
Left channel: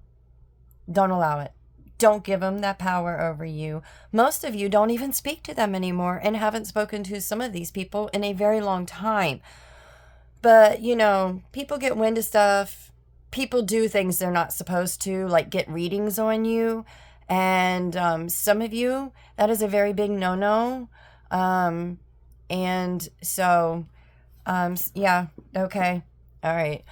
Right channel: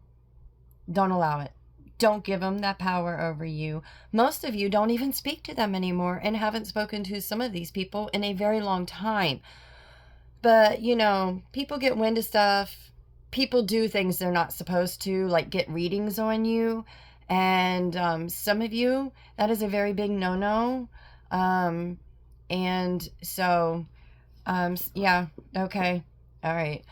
Don't allow it. Don't give them that power over you. Most of you don't even speak to them anymore and haven't spoken to some of these people in a very long time. But, you know, people get wind of stuff. People do things they're not supposed to, like get readings on you. And some of you, that is a very big no-no. And so, yeah, okay. All right.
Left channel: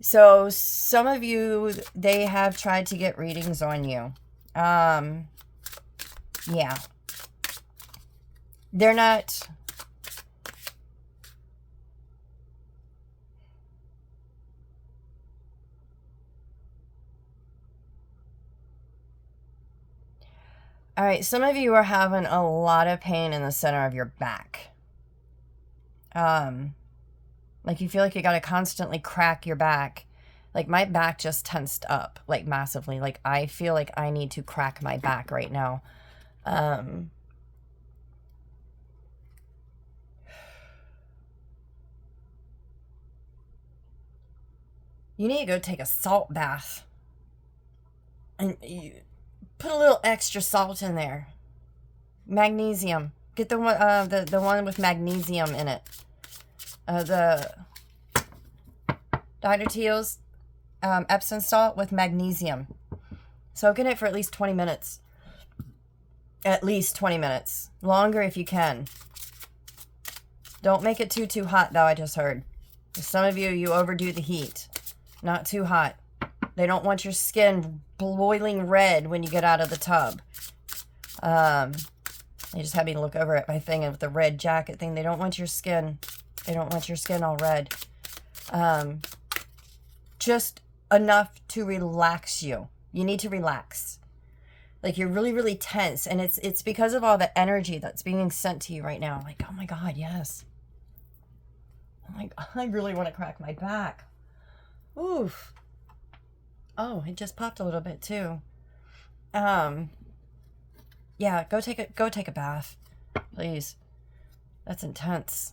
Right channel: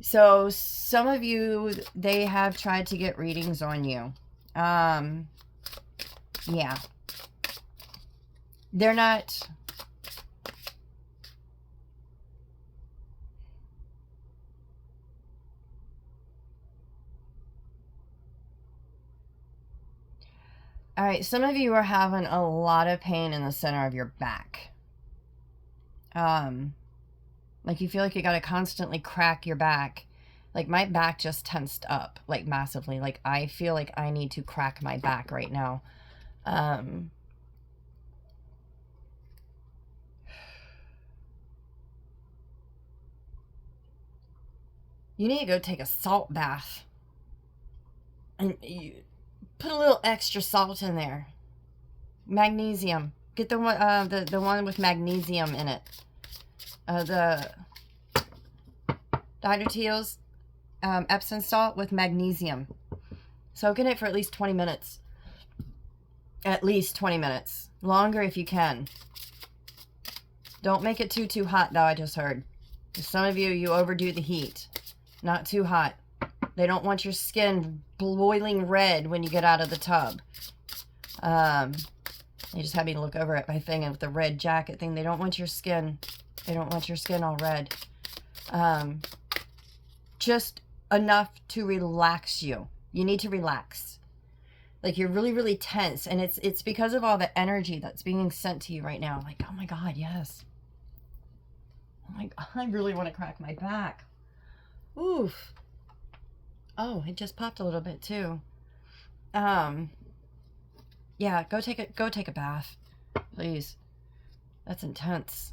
So some of you, they have tried to get readings on you. Yeah. They're not... All right, some of you are having a lot of pain in the center of your back. Like you feel like you got to constantly crack your back. Like my back just tensed up, like massively. Like I feel like I need to crack my back right now. You need to go take a salt bath. And you put a little extra salt in there. Magnesium. Get the one, the one with magnesium in it. The Dr. Teal's Epsom salt with magnesium. Soak in it for at least 20 minutes. At least 20 minutes. Longer if you can. Don't make it too hot, though, I just heard. Some of you, you overdo the heat. Not too hot. They don't want your skin boiling red when you get out of the tub. They just had me look over at my thing with the red jacket thing. They don't want your skin. They don't want your skin all red. Just enough to relax you. You need to relax. Like you're really, really tense. And it's because of all the energy that's being sent to you right now. Like, oh my God, yes. Oh my God, I really want to crack my back. Oof. Oh, it just popped a little bit too. Yeah, go take a bath, please. That's intense.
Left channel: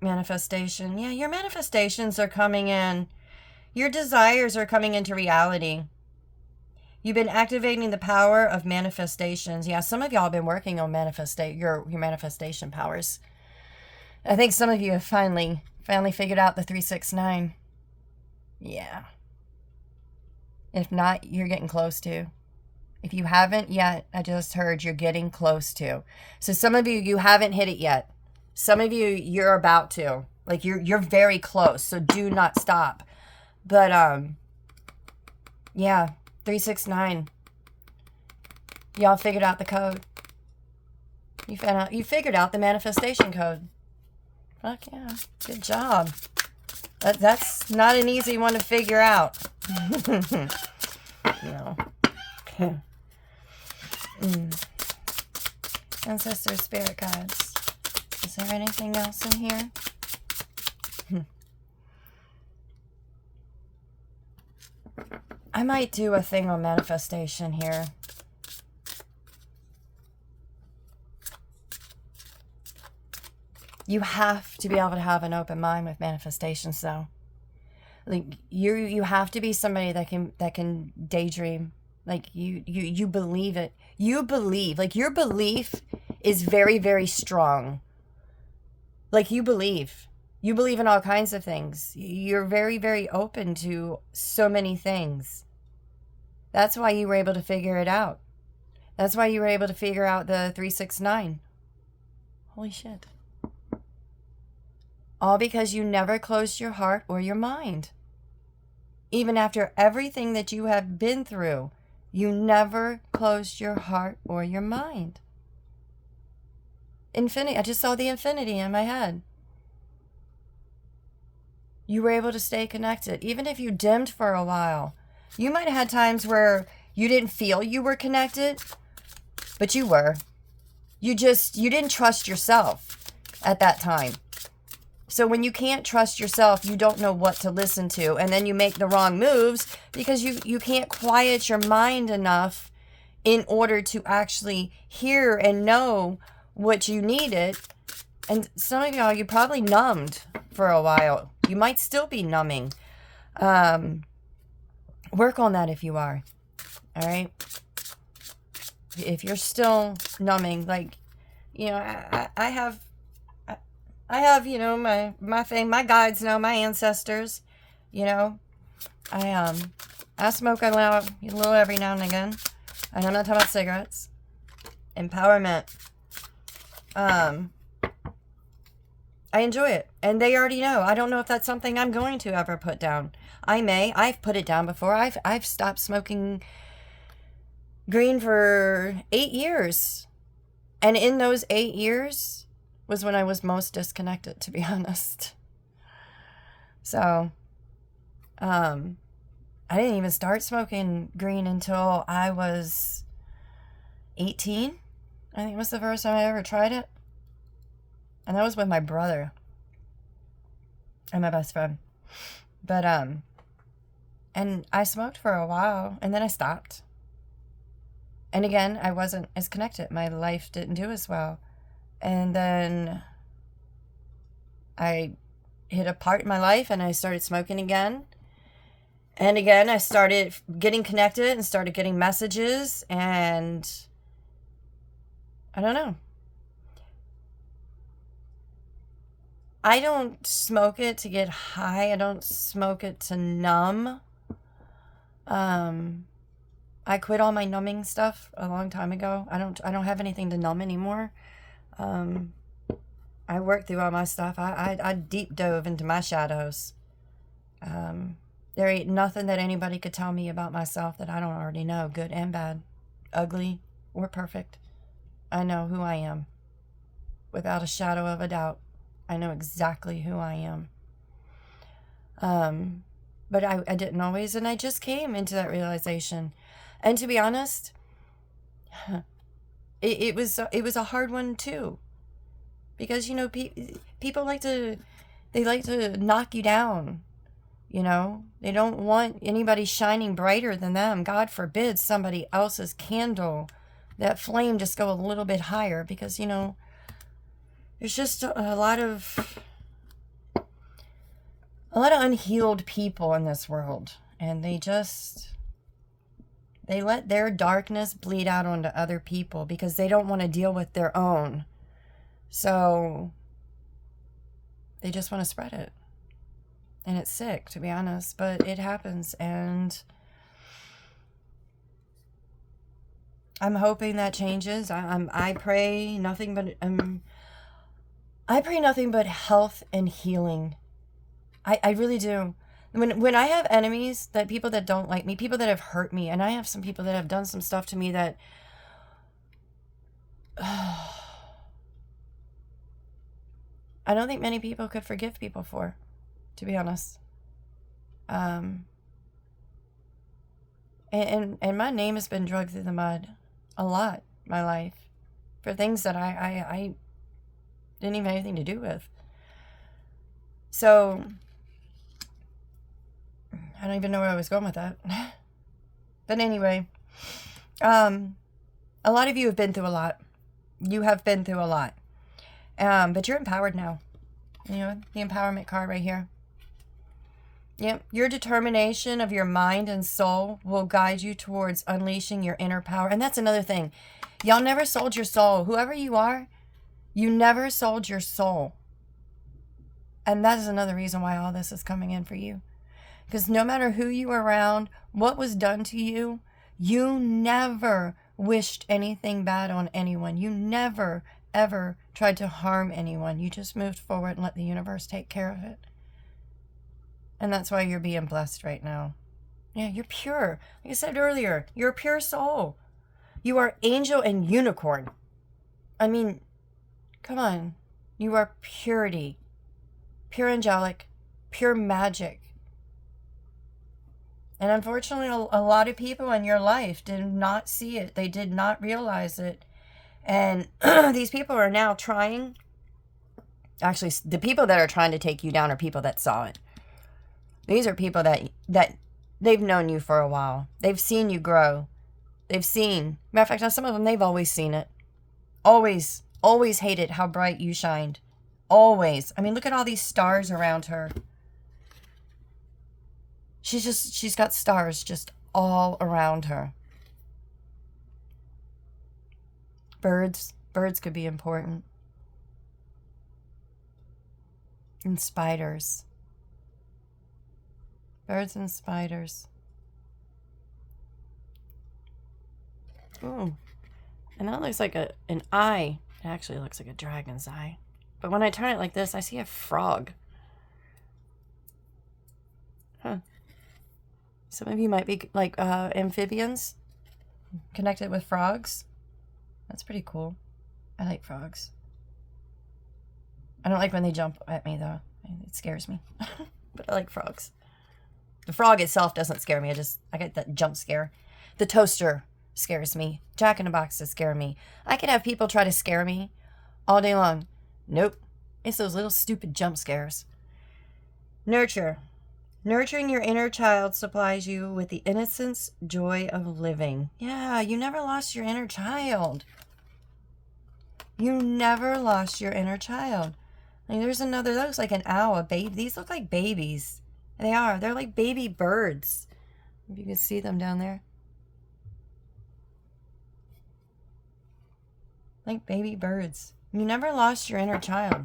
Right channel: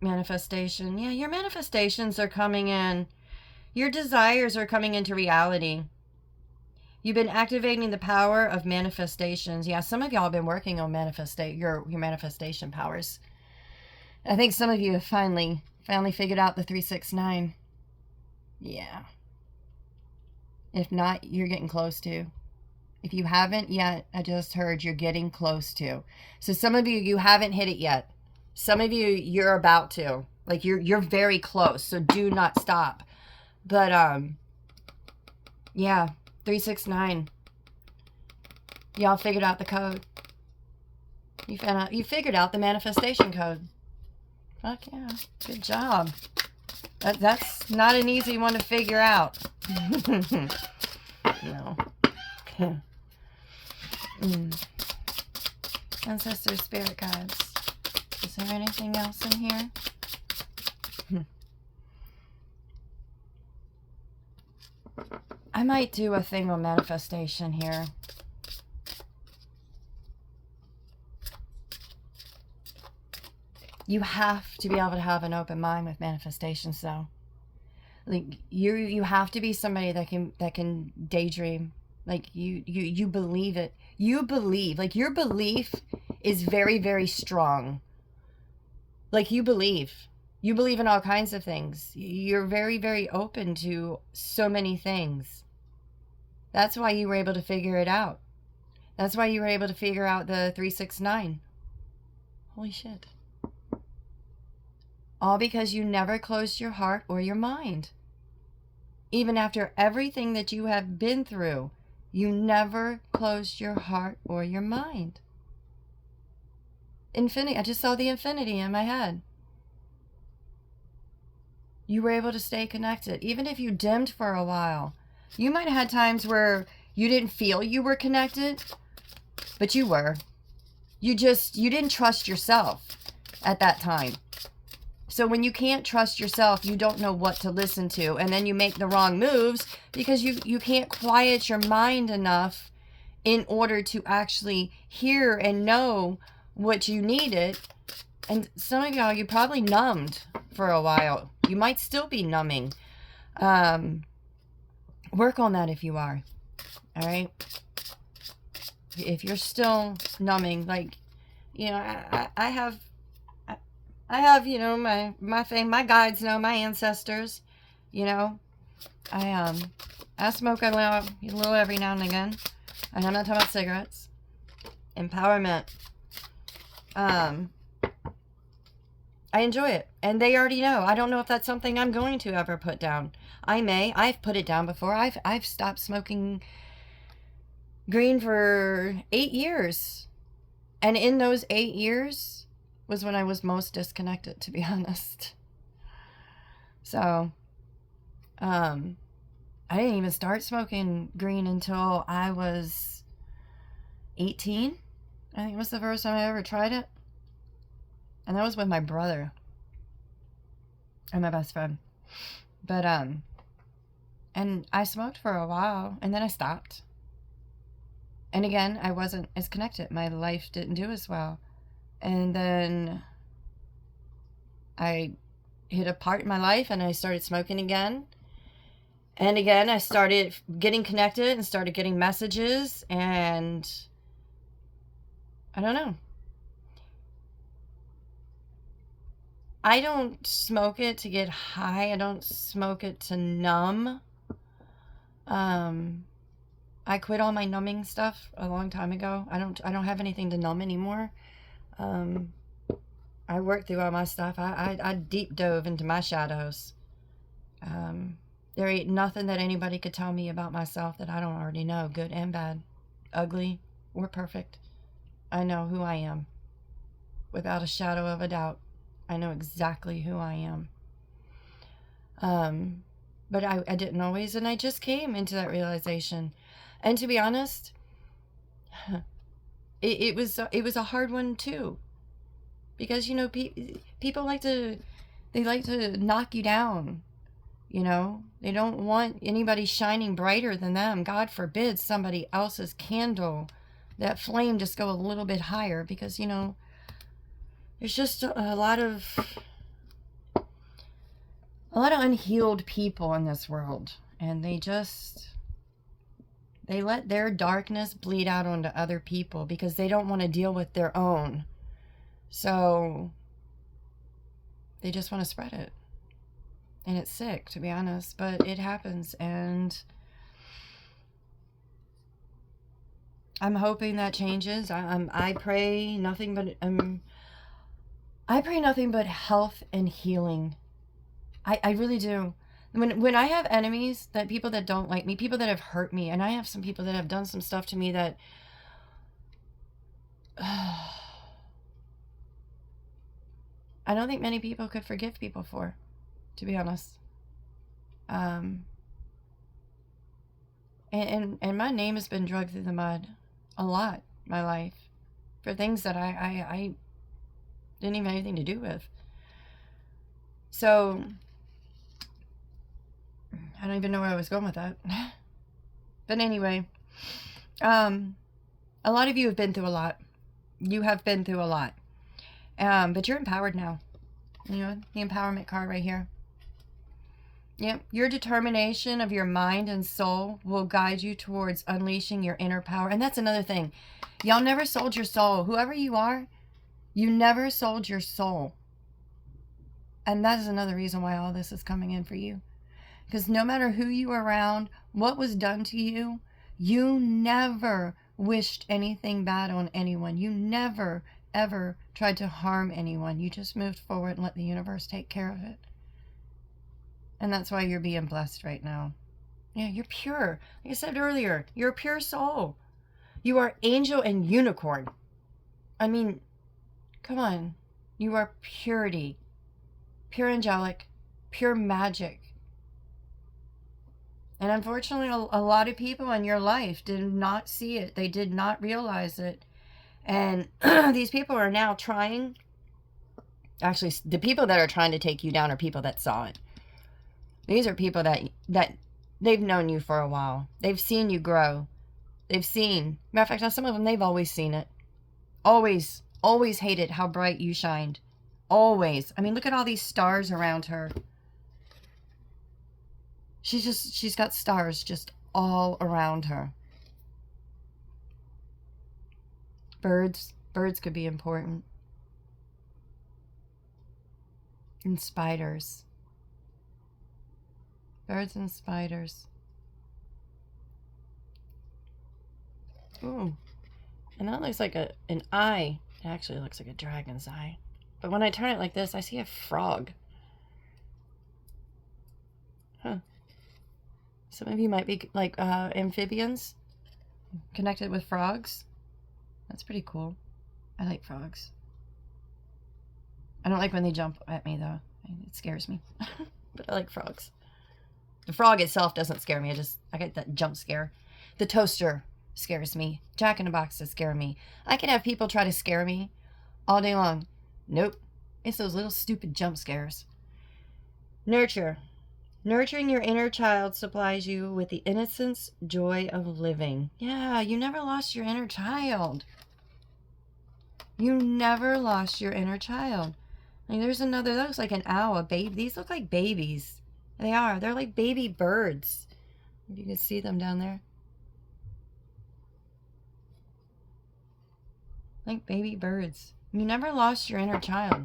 Manifestation. Yeah, your manifestations are coming in. Your desires are coming into reality. You've been activating the power of manifestations. Yeah, some of y'all have been working on your manifestation powers. I think some of you have finally figured out the 369. Yeah. If not, you're getting close to. If you haven't yet, I just heard you're getting close to. So some of you, you haven't hit it yet. Some of you, you're about to. Like you're very close. So do not stop. But yeah, 369. Y'all figured out the code. You figured out the manifestation code. Fuck yeah. Good job. That's not an easy one to figure out. No. Ancestors, spirit guides. Is there anything else in here? I might do a thing on manifestation here. You have to be able to have an open mind with manifestations, though. Like you have to be somebody that can daydream. Like you believe it. You believe. Like your belief is very, very strong. Like you believe. You believe in all kinds of things. You're very, very open to so many things. That's why you were able to figure it out. That's why you were able to figure out the 369. Holy shit. All because you never closed your heart or your mind. Even after everything that you have been through, you never closed your heart or your mind. Infinity. I just saw the infinity in my head. You were able to stay connected. Even if you dimmed for a while. You might have had times where you didn't feel you were connected, but you were. You didn't trust yourself at that time. So when you can't trust yourself, you don't know what to listen to. And then you make the wrong moves because you can't quiet your mind enough in order to actually hear and know what you needed. And some of y'all, you probably numbed for a while. You might still be numbing. Work on that if you are. All right? If you're still numbing, like, you know, I have, you know, my guides know, my ancestors, you know. I smoke a little every now and again. I'm not talking about cigarettes. Empowerment. I enjoy it. And they already know. I don't know if that's something I'm going to ever put down. I've put it down before. I've stopped smoking green for 8 years. And in those 8 years was when I was most disconnected, to be honest. So, I didn't even start smoking green until I was 18. I think it was the first time I ever tried it. And that was with my brother and my best friend. But, and I smoked for a while, and then I stopped. And again, I wasn't as connected. My life didn't do as well. And then I hit a part in my life, and I started smoking again. And again, I started getting connected and started getting messages, and I don't know. I don't smoke it to get high. I don't smoke it to numb. I quit all my numbing stuff a long time ago. I don't have anything to numb anymore. I worked through all my stuff. I deep dove into my shadows. There ain't nothing that anybody could tell me about myself that I don't already know, good and bad, ugly or perfect. I know who I am. Without a shadow of a doubt. I know exactly who I am. But I didn't always, and I just came into that realization. And to be honest, it was a hard one too. Because, you know, people like to knock you down. You know, they don't want anybody shining brighter than them. God forbid somebody else's candle, that flame just go a little bit higher, because, you know, there's just a lot of unhealed people in this world, and they let their darkness bleed out onto other people because they don't want to deal with their own. So they just want to spread it. And it's sick, to be honest, but it happens, and I'm hoping that changes. I pray nothing but health and healing. I really do. When I have enemies, that people that don't like me, people that have hurt me, and I have some people that have done some stuff to me that I don't think many people could forgive people for, to be honest. And my name has been dragged through the mud a lot, my life, for things that I didn't even have anything to do with. So I don't even know where I was going with that. But anyway, a lot of you have been through a lot. You have been through a lot. But you're empowered now. You know, the empowerment card right here. Yep. Your determination of your mind and soul will guide you towards unleashing your inner power. And that's another thing. Y'all never sold your soul. Whoever you are, you never sold your soul. And that is another reason why all this is coming in for you. Because no matter who you were around, what was done to you, you never wished anything bad on anyone. You never, ever tried to harm anyone. You just moved forward and let the universe take care of it. And that's why you're being blessed right now. Yeah, you're pure. Like I said earlier, you're a pure soul. You are angel and unicorn. I mean, come on. You are purity. Pure angelic. Pure magic. And unfortunately, a lot of people in your life did not see it. They did not realize it. And these people are now trying. Actually, the people that are trying to take you down are people that saw it. These are people that they've known you for a while. They've seen you grow. They've seen. Matter of fact, some of them, they've always seen it. Always hated how bright you shined. Always. I mean, look at all these stars around her. She's got stars just all around her. Birds could be important. And spiders. Birds and spiders. Ooh. And that looks like an eye. It actually looks like a dragon's eye. But when I turn it like this, I see a frog. Huh. Some of you might be like amphibians connected with frogs. That's pretty cool. I like frogs. I don't like when they jump at me though. It scares me. But I like frogs. The frog itself doesn't scare me. I get that jump scare. The toaster scares me. Jack in the Boxes scare me. I can have people try to scare me all day long. Nope. It's those little stupid jump scares. Nurture. Nurturing your inner child supplies you with the innocence, joy of living. Yeah, you never lost your inner child. You never lost your inner child. Like, there's another, that looks like an owl, a baby. These look like babies. They are. They're like baby birds. If you can see them down there. Like baby birds. You never lost your inner child.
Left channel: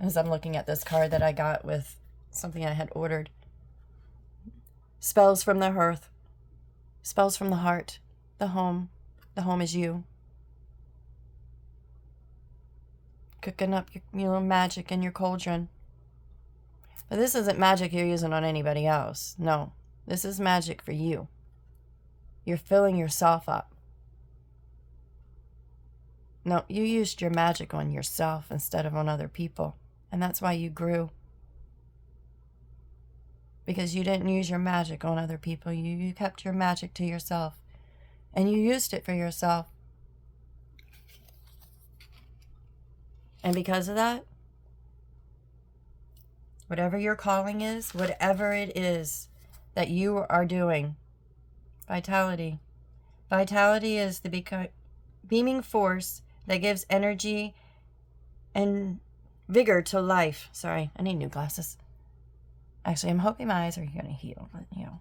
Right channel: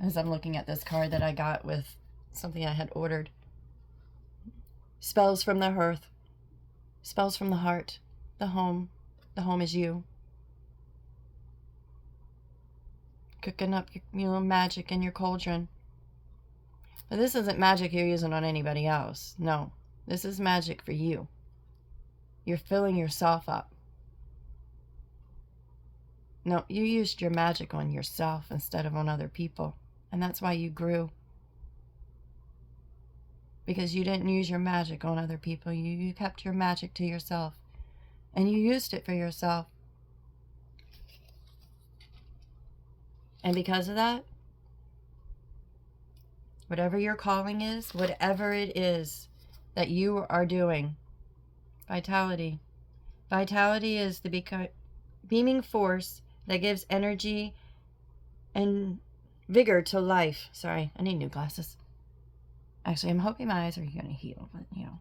As I'm looking at this card that I got with something I had ordered. Spells from the hearth. Spells from the heart. The home. The home is you. Cooking up your magic in your cauldron. But this isn't magic you're using on anybody else. No. This is magic for you. You're filling yourself up. No, you used your magic on yourself instead of on other people. And that's why you grew. Because you didn't use your magic on other people. You kept your magic to yourself. And you used it for yourself. And because of that, whatever your calling is, whatever it is that you are doing, vitality. Vitality is the beaming force that gives energy and vigor to life. Sorry, I need new glasses. Actually, I'm hoping my eyes are going to heal, but you know.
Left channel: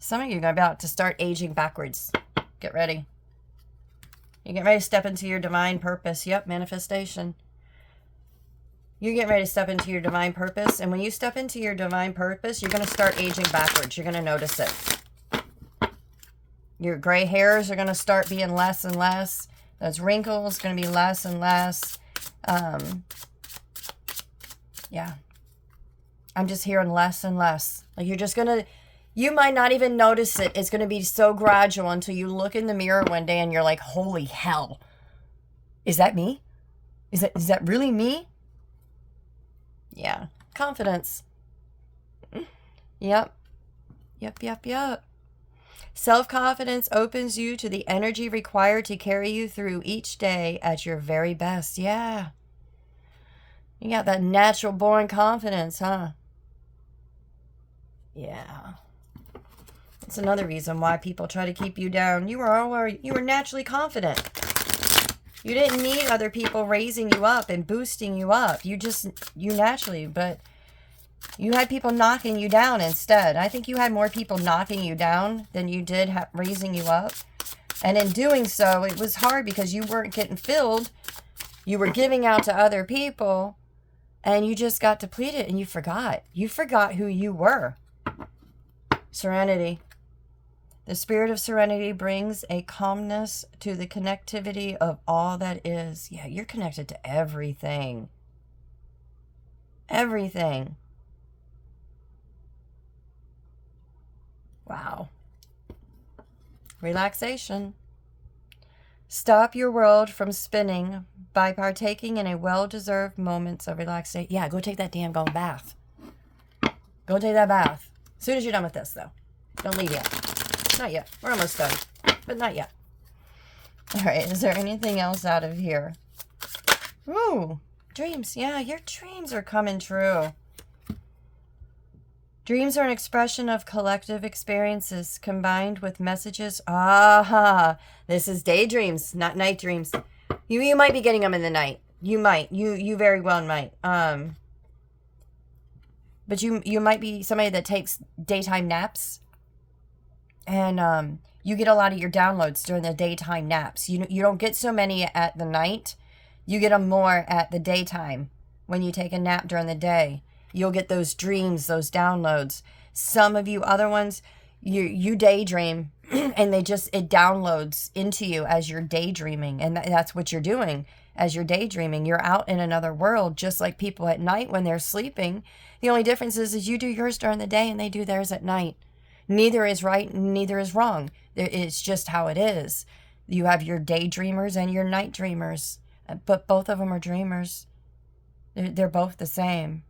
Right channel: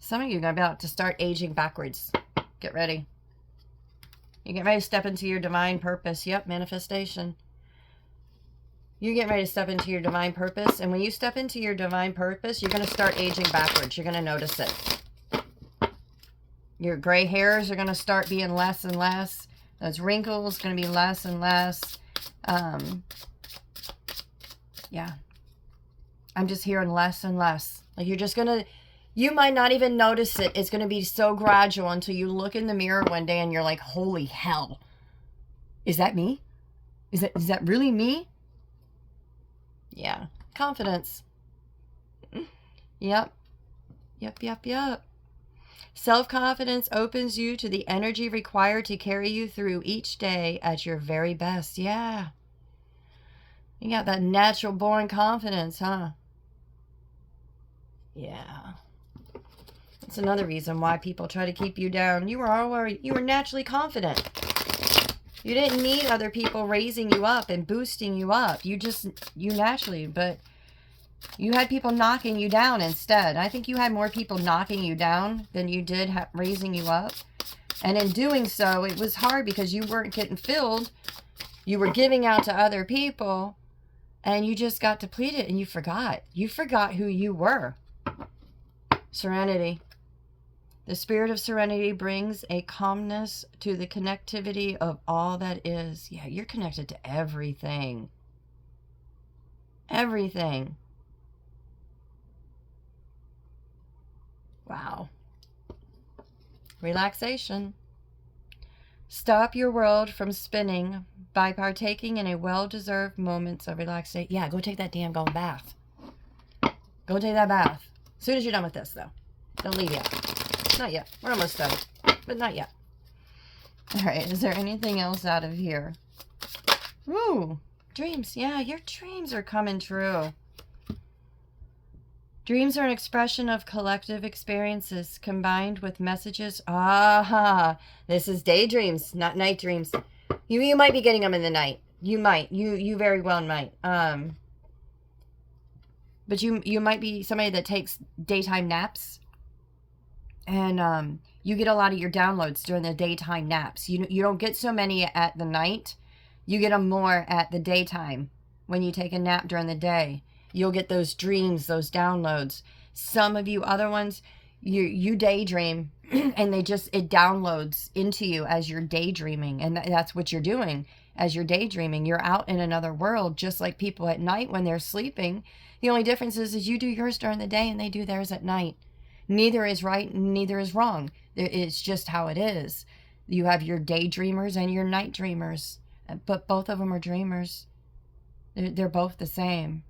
Some of you are about to start aging backwards. Get ready. You get ready to step into your divine purpose. Yep, manifestation. You get ready to step into your divine purpose. And when you step into your divine purpose, you're going to start aging backwards. You're going to notice it. Your gray hairs are going to start being less and less. Those wrinkles going to be less and less. Yeah. I'm just hearing less and less. Like you're just going to, you might not even notice it. It's going to be so gradual until you look in the mirror one day and you're like, holy hell. Is that me? Is that really me? Yeah. Confidence. Yep. Yep. Self-confidence opens you to the energy required to carry you through each day at your very best. Yeah. You got that natural born confidence, huh? Yeah. That's another reason why people try to keep you down. You were naturally confident. You didn't need other people raising you up and boosting you up. You naturally, but you had people knocking you down instead. I think you had more people knocking you down than you did raising you up. And in doing so, it was hard because you weren't getting filled. You were giving out to other people and you just got depleted and you forgot. You forgot who you were. Serenity. The spirit of serenity brings a calmness to the connectivity of all that is. Yeah, you're connected to everything. Everything. Wow. Relaxation. Stop your world from spinning by partaking in a well-deserved moments of relaxation. Yeah, go take that damn golden bath. Go take that bath. As soon as you're done with this, though. Don't leave yet. Not yet. We're almost done. But not yet. All right. Is there anything else out of here? Ooh. Dreams. Yeah, your dreams are coming true. Dreams are an expression of collective experiences combined with messages. Aha. This is daydreams, not night dreams. You might be getting them in the night. You might. You very well might. But you might be somebody that takes daytime naps. And you get a lot of your downloads during the daytime naps. You don't get so many at the night. You get them more at the daytime. When you take a nap during the day, you'll get those dreams, those downloads. Some of you other ones, you daydream and it downloads into you as you're daydreaming. And that's what you're doing as you're daydreaming. You're out in another world, just like people at night when they're sleeping. The only difference is you do yours during the day and they do theirs at night. Neither is right and neither is wrong. It's just how it is. You have your daydreamers and your night dreamers, but both of them are dreamers. They're both the same.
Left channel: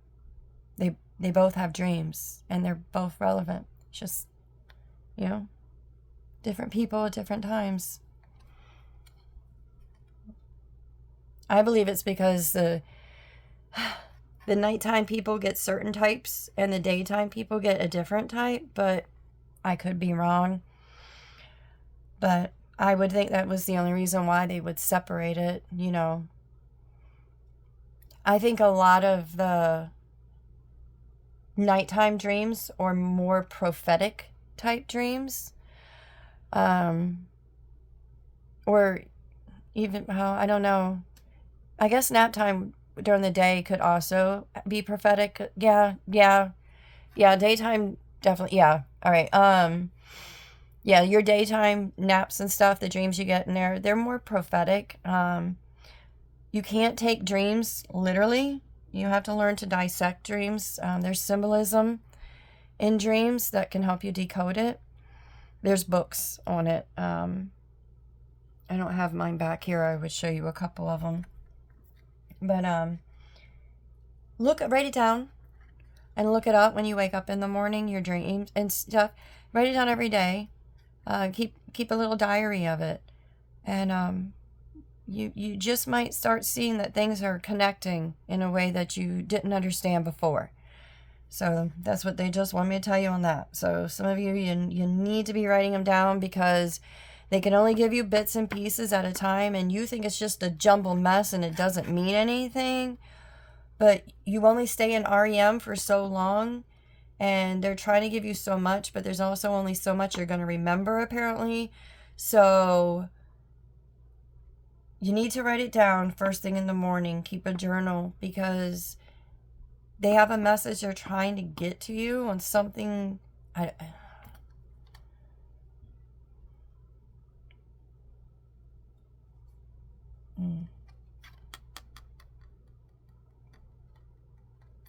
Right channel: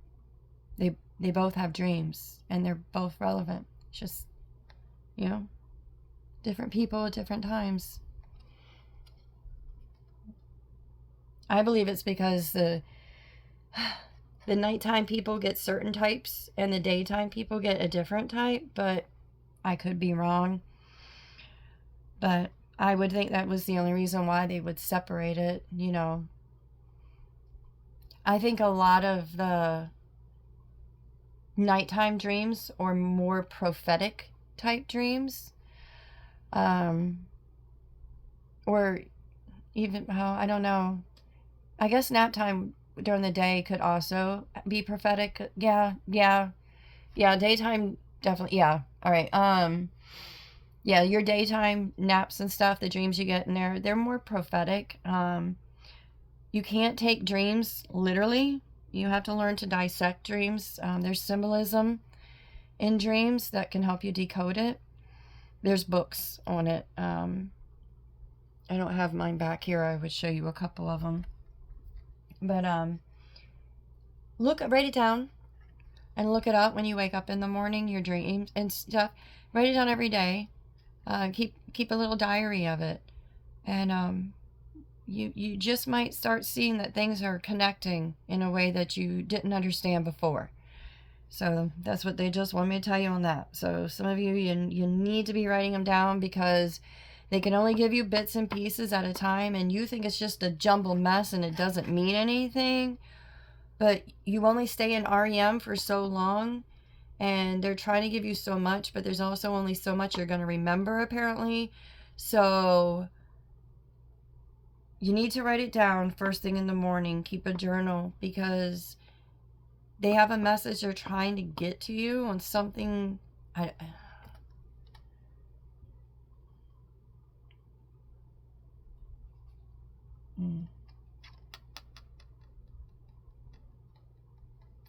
They both have dreams and they're both relevant. It's just, you know, different people at different times. I believe it's because the nighttime people get certain types and the daytime people get a different type, but I could be wrong. But I would think that was the only reason why they would separate it, you know. I think a lot of the nighttime dreams are more prophetic type dreams. Or even, I don't know. I guess nap time during the day could also be prophetic. Yeah. Daytime, definitely. Yeah. All right. Yeah, your daytime naps and stuff, the dreams you get in there, they're more prophetic. You can't take dreams literally. You have to learn to dissect dreams. There's symbolism in dreams that can help you decode it. There's books on it. I don't have mine back here. I would show you a couple of them. But write it down and look it up when you wake up in the morning, your dreams and stuff. Write it down every day. Keep a little diary of it. And you just might start seeing that things are connecting in a way that you didn't understand before. So that's what they just want me to tell you on that. So some of you need to be writing them down because they can only give you bits and pieces at a time, and you think it's just a jumbled mess and it doesn't mean anything. But you only stay in REM for so long, and they're trying to give you so much, but there's also only so much you're going to remember, apparently. So you need to write it down first thing in the morning. Keep a journal because they have a message they're trying to get to you on something.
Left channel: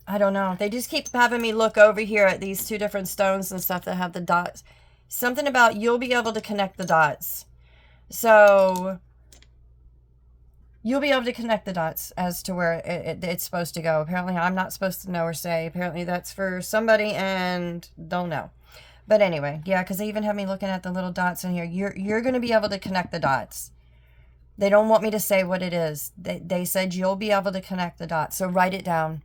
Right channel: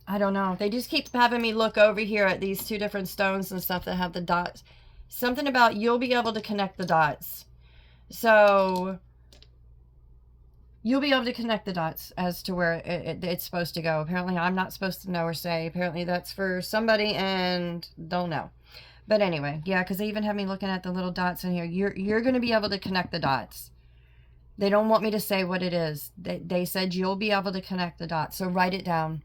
I don't know. They just keep having me look over here at these two different stones and stuff that have the dots. Something about you'll be able to connect the dots. So you'll be able to connect the dots as to where it's supposed to go. Apparently I'm not supposed to know or say. Apparently that's for somebody and don't know. But anyway, yeah, because they even have me looking at the little dots in here. You're going to be able to connect the dots. They don't want me to say what it is. They said you'll be able to connect the dots. So write it down.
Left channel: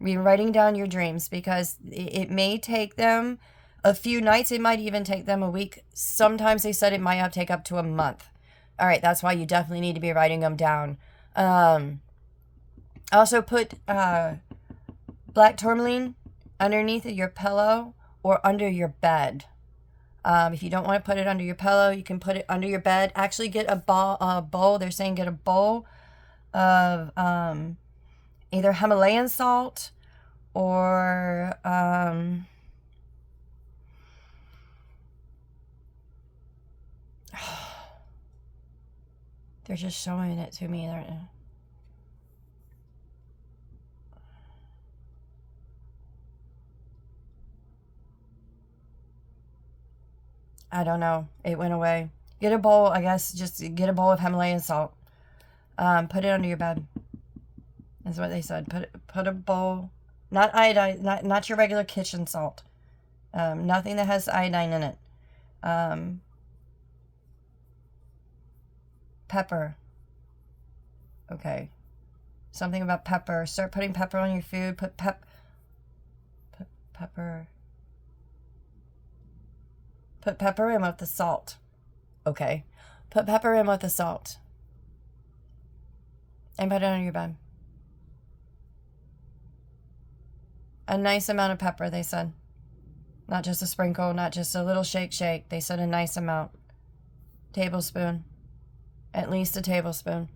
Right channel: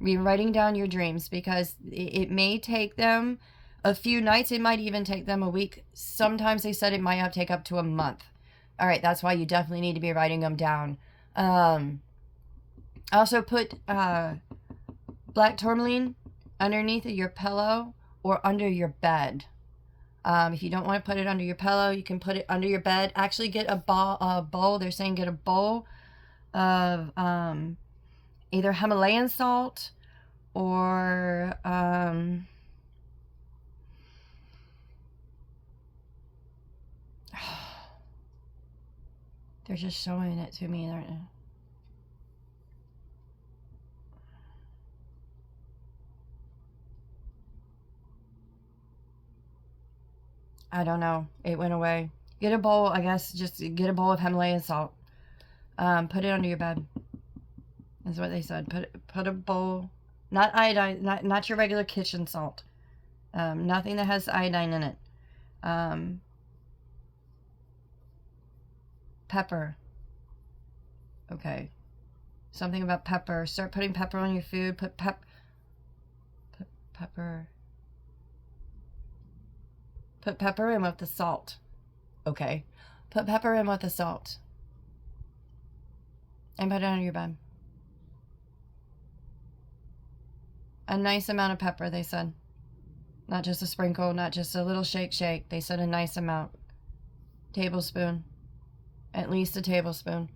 Be writing down your dreams because it may take them a few nights. It might even take them a week. Sometimes they said it might have to take up to a month. All right, that's why you definitely need to be writing them down. Also put black tourmaline underneath of your pillow or under your bed. If you don't want to put it under your pillow, you can put it under your bed. Actually get a bowl. They're saying get a bowl of either Himalayan salt or they're just showing it to me. I don't know. It went away. Get a bowl, I guess, just get a bowl of Himalayan salt. Put it under your bed. That's what they said. Put a bowl, not iodine, not your regular kitchen salt. Nothing that has iodine in it. Pepper. Okay. Something about pepper. Start putting pepper on your food. Put pepper. Put pepper in with the salt. Okay. Put pepper in with the salt. And put it on your bed. A nice amount of pepper, they said. Not just a sprinkle, not just a little shake. They said a nice amount. Tablespoon. At least a tablespoon.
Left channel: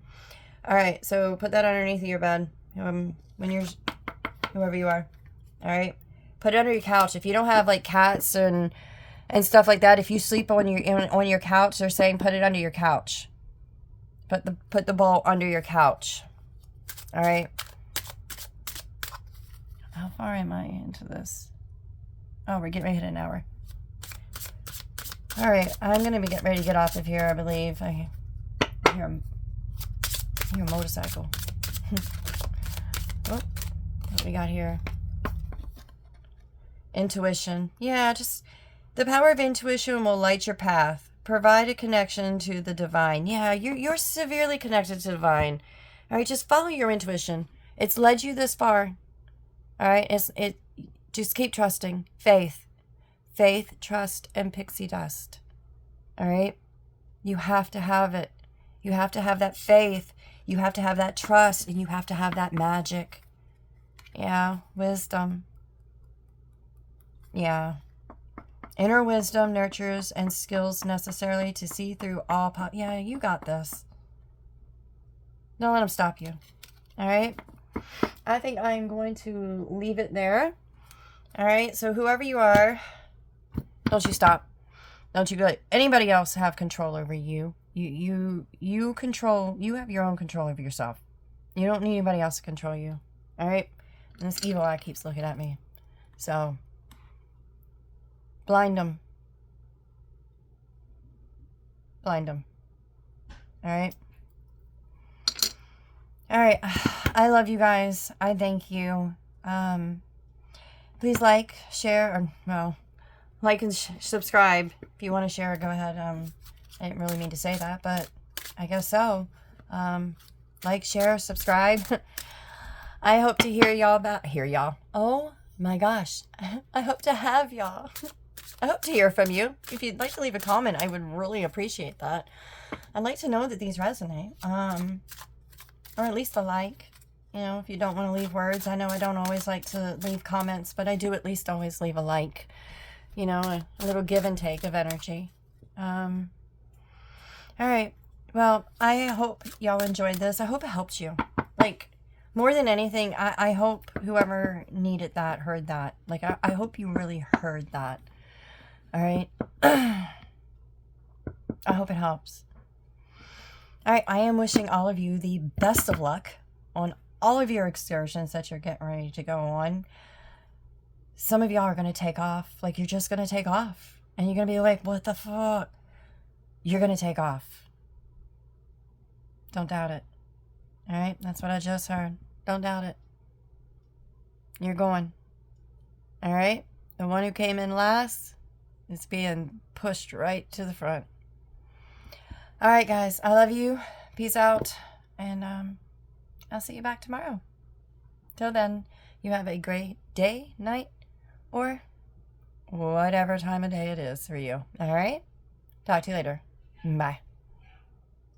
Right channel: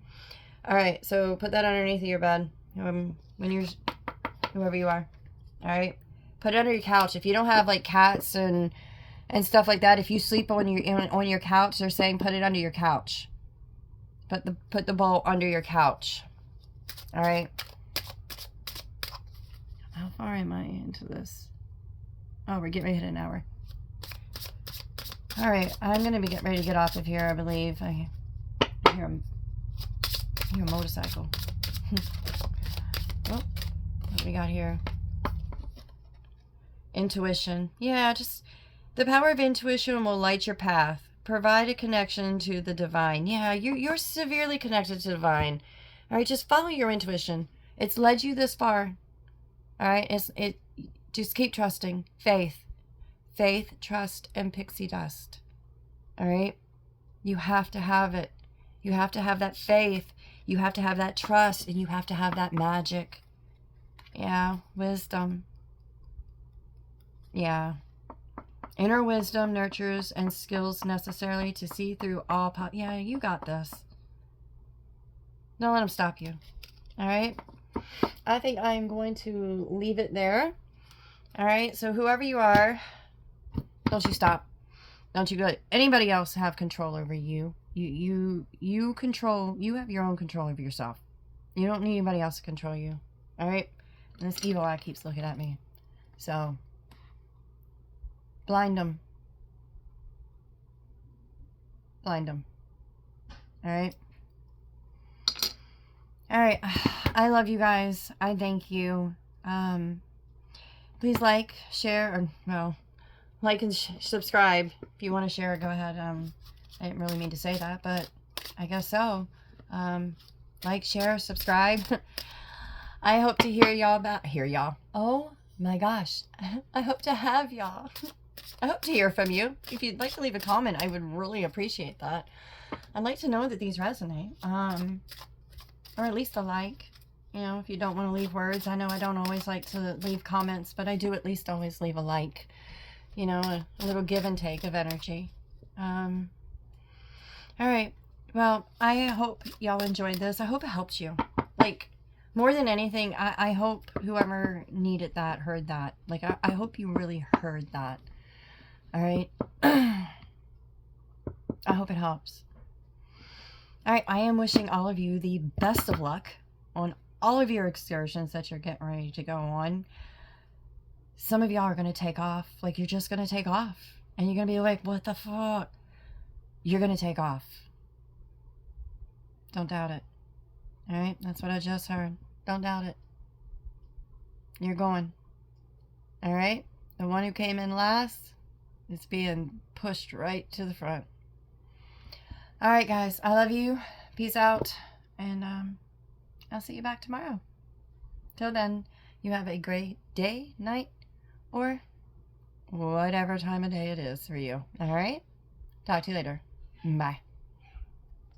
All right, so put that underneath your bed when you're, whoever you are. All right. Put it under your couch. If you don't have like cats and stuff like that, if you sleep on your couch, they're saying put it under your couch. Put the bowl under your couch. All right. How far am I into this? Oh, we're getting ready to hit an hour. All right, I'm going to be getting ready to get off of here, I believe. I hear a motorcycle. Oh, what we got here? Intuition. Yeah, just the power of intuition will light your path. Provide a connection to the divine. Yeah, you're severely connected to the divine. All right, just follow your intuition. It's led you this far. All right, just keep trusting. Faith, trust, and pixie dust. All right? You have to have it. You have to have that faith. You have to have that trust, and you have to have that magic. Yeah, wisdom. Yeah. Inner wisdom nurtures and skills necessarily to see through all yeah, you got this. Don't let them stop you. All right? I think I'm going to leave it there. All right? So whoever you are, don't you stop. Don't you let anybody else have control over you. You control, you have your own control over yourself. You don't need anybody else to control you. All right? And this evil eye keeps looking at me. So, blind them. Blind them. All right? All right. I love you guys. I thank you. Please like, share, or, well, like and subscribe. If you want to share, go ahead. I didn't really mean to say that, but I guess so. Like, share, subscribe. I hope to hear y'all. Oh my gosh. I hope to have y'all. I hope to hear from you. If you'd like to leave a comment, I would really appreciate that. I'd like to know that these resonate. Or at least a like. You know, if you don't want to leave words. I know I don't always like to leave comments, but I do at least always leave a like. You know, a little give and take of energy. All right. Well, I hope y'all enjoyed this. I hope it helped you. Like, more than anything, I hope whoever needed that heard that. Like, I hope you really heard that. All right? I hope it helps. All right. I am wishing all of you the best of luck on all of your excursions that you're getting ready to go on. Some of y'all are going to take off. Like, you're just going to take off. And you're going to be like, what the fuck? You're going to take off. Don't doubt it. All right? That's what I just heard. Don't doubt it. You're going. All right? The one who came in last is being pushed right to the front. All right, guys. I love you. Peace out. And I'll see you back tomorrow. Till then, you have a great day, night, or whatever time of day it is for you. All right? Talk to you later. Bye.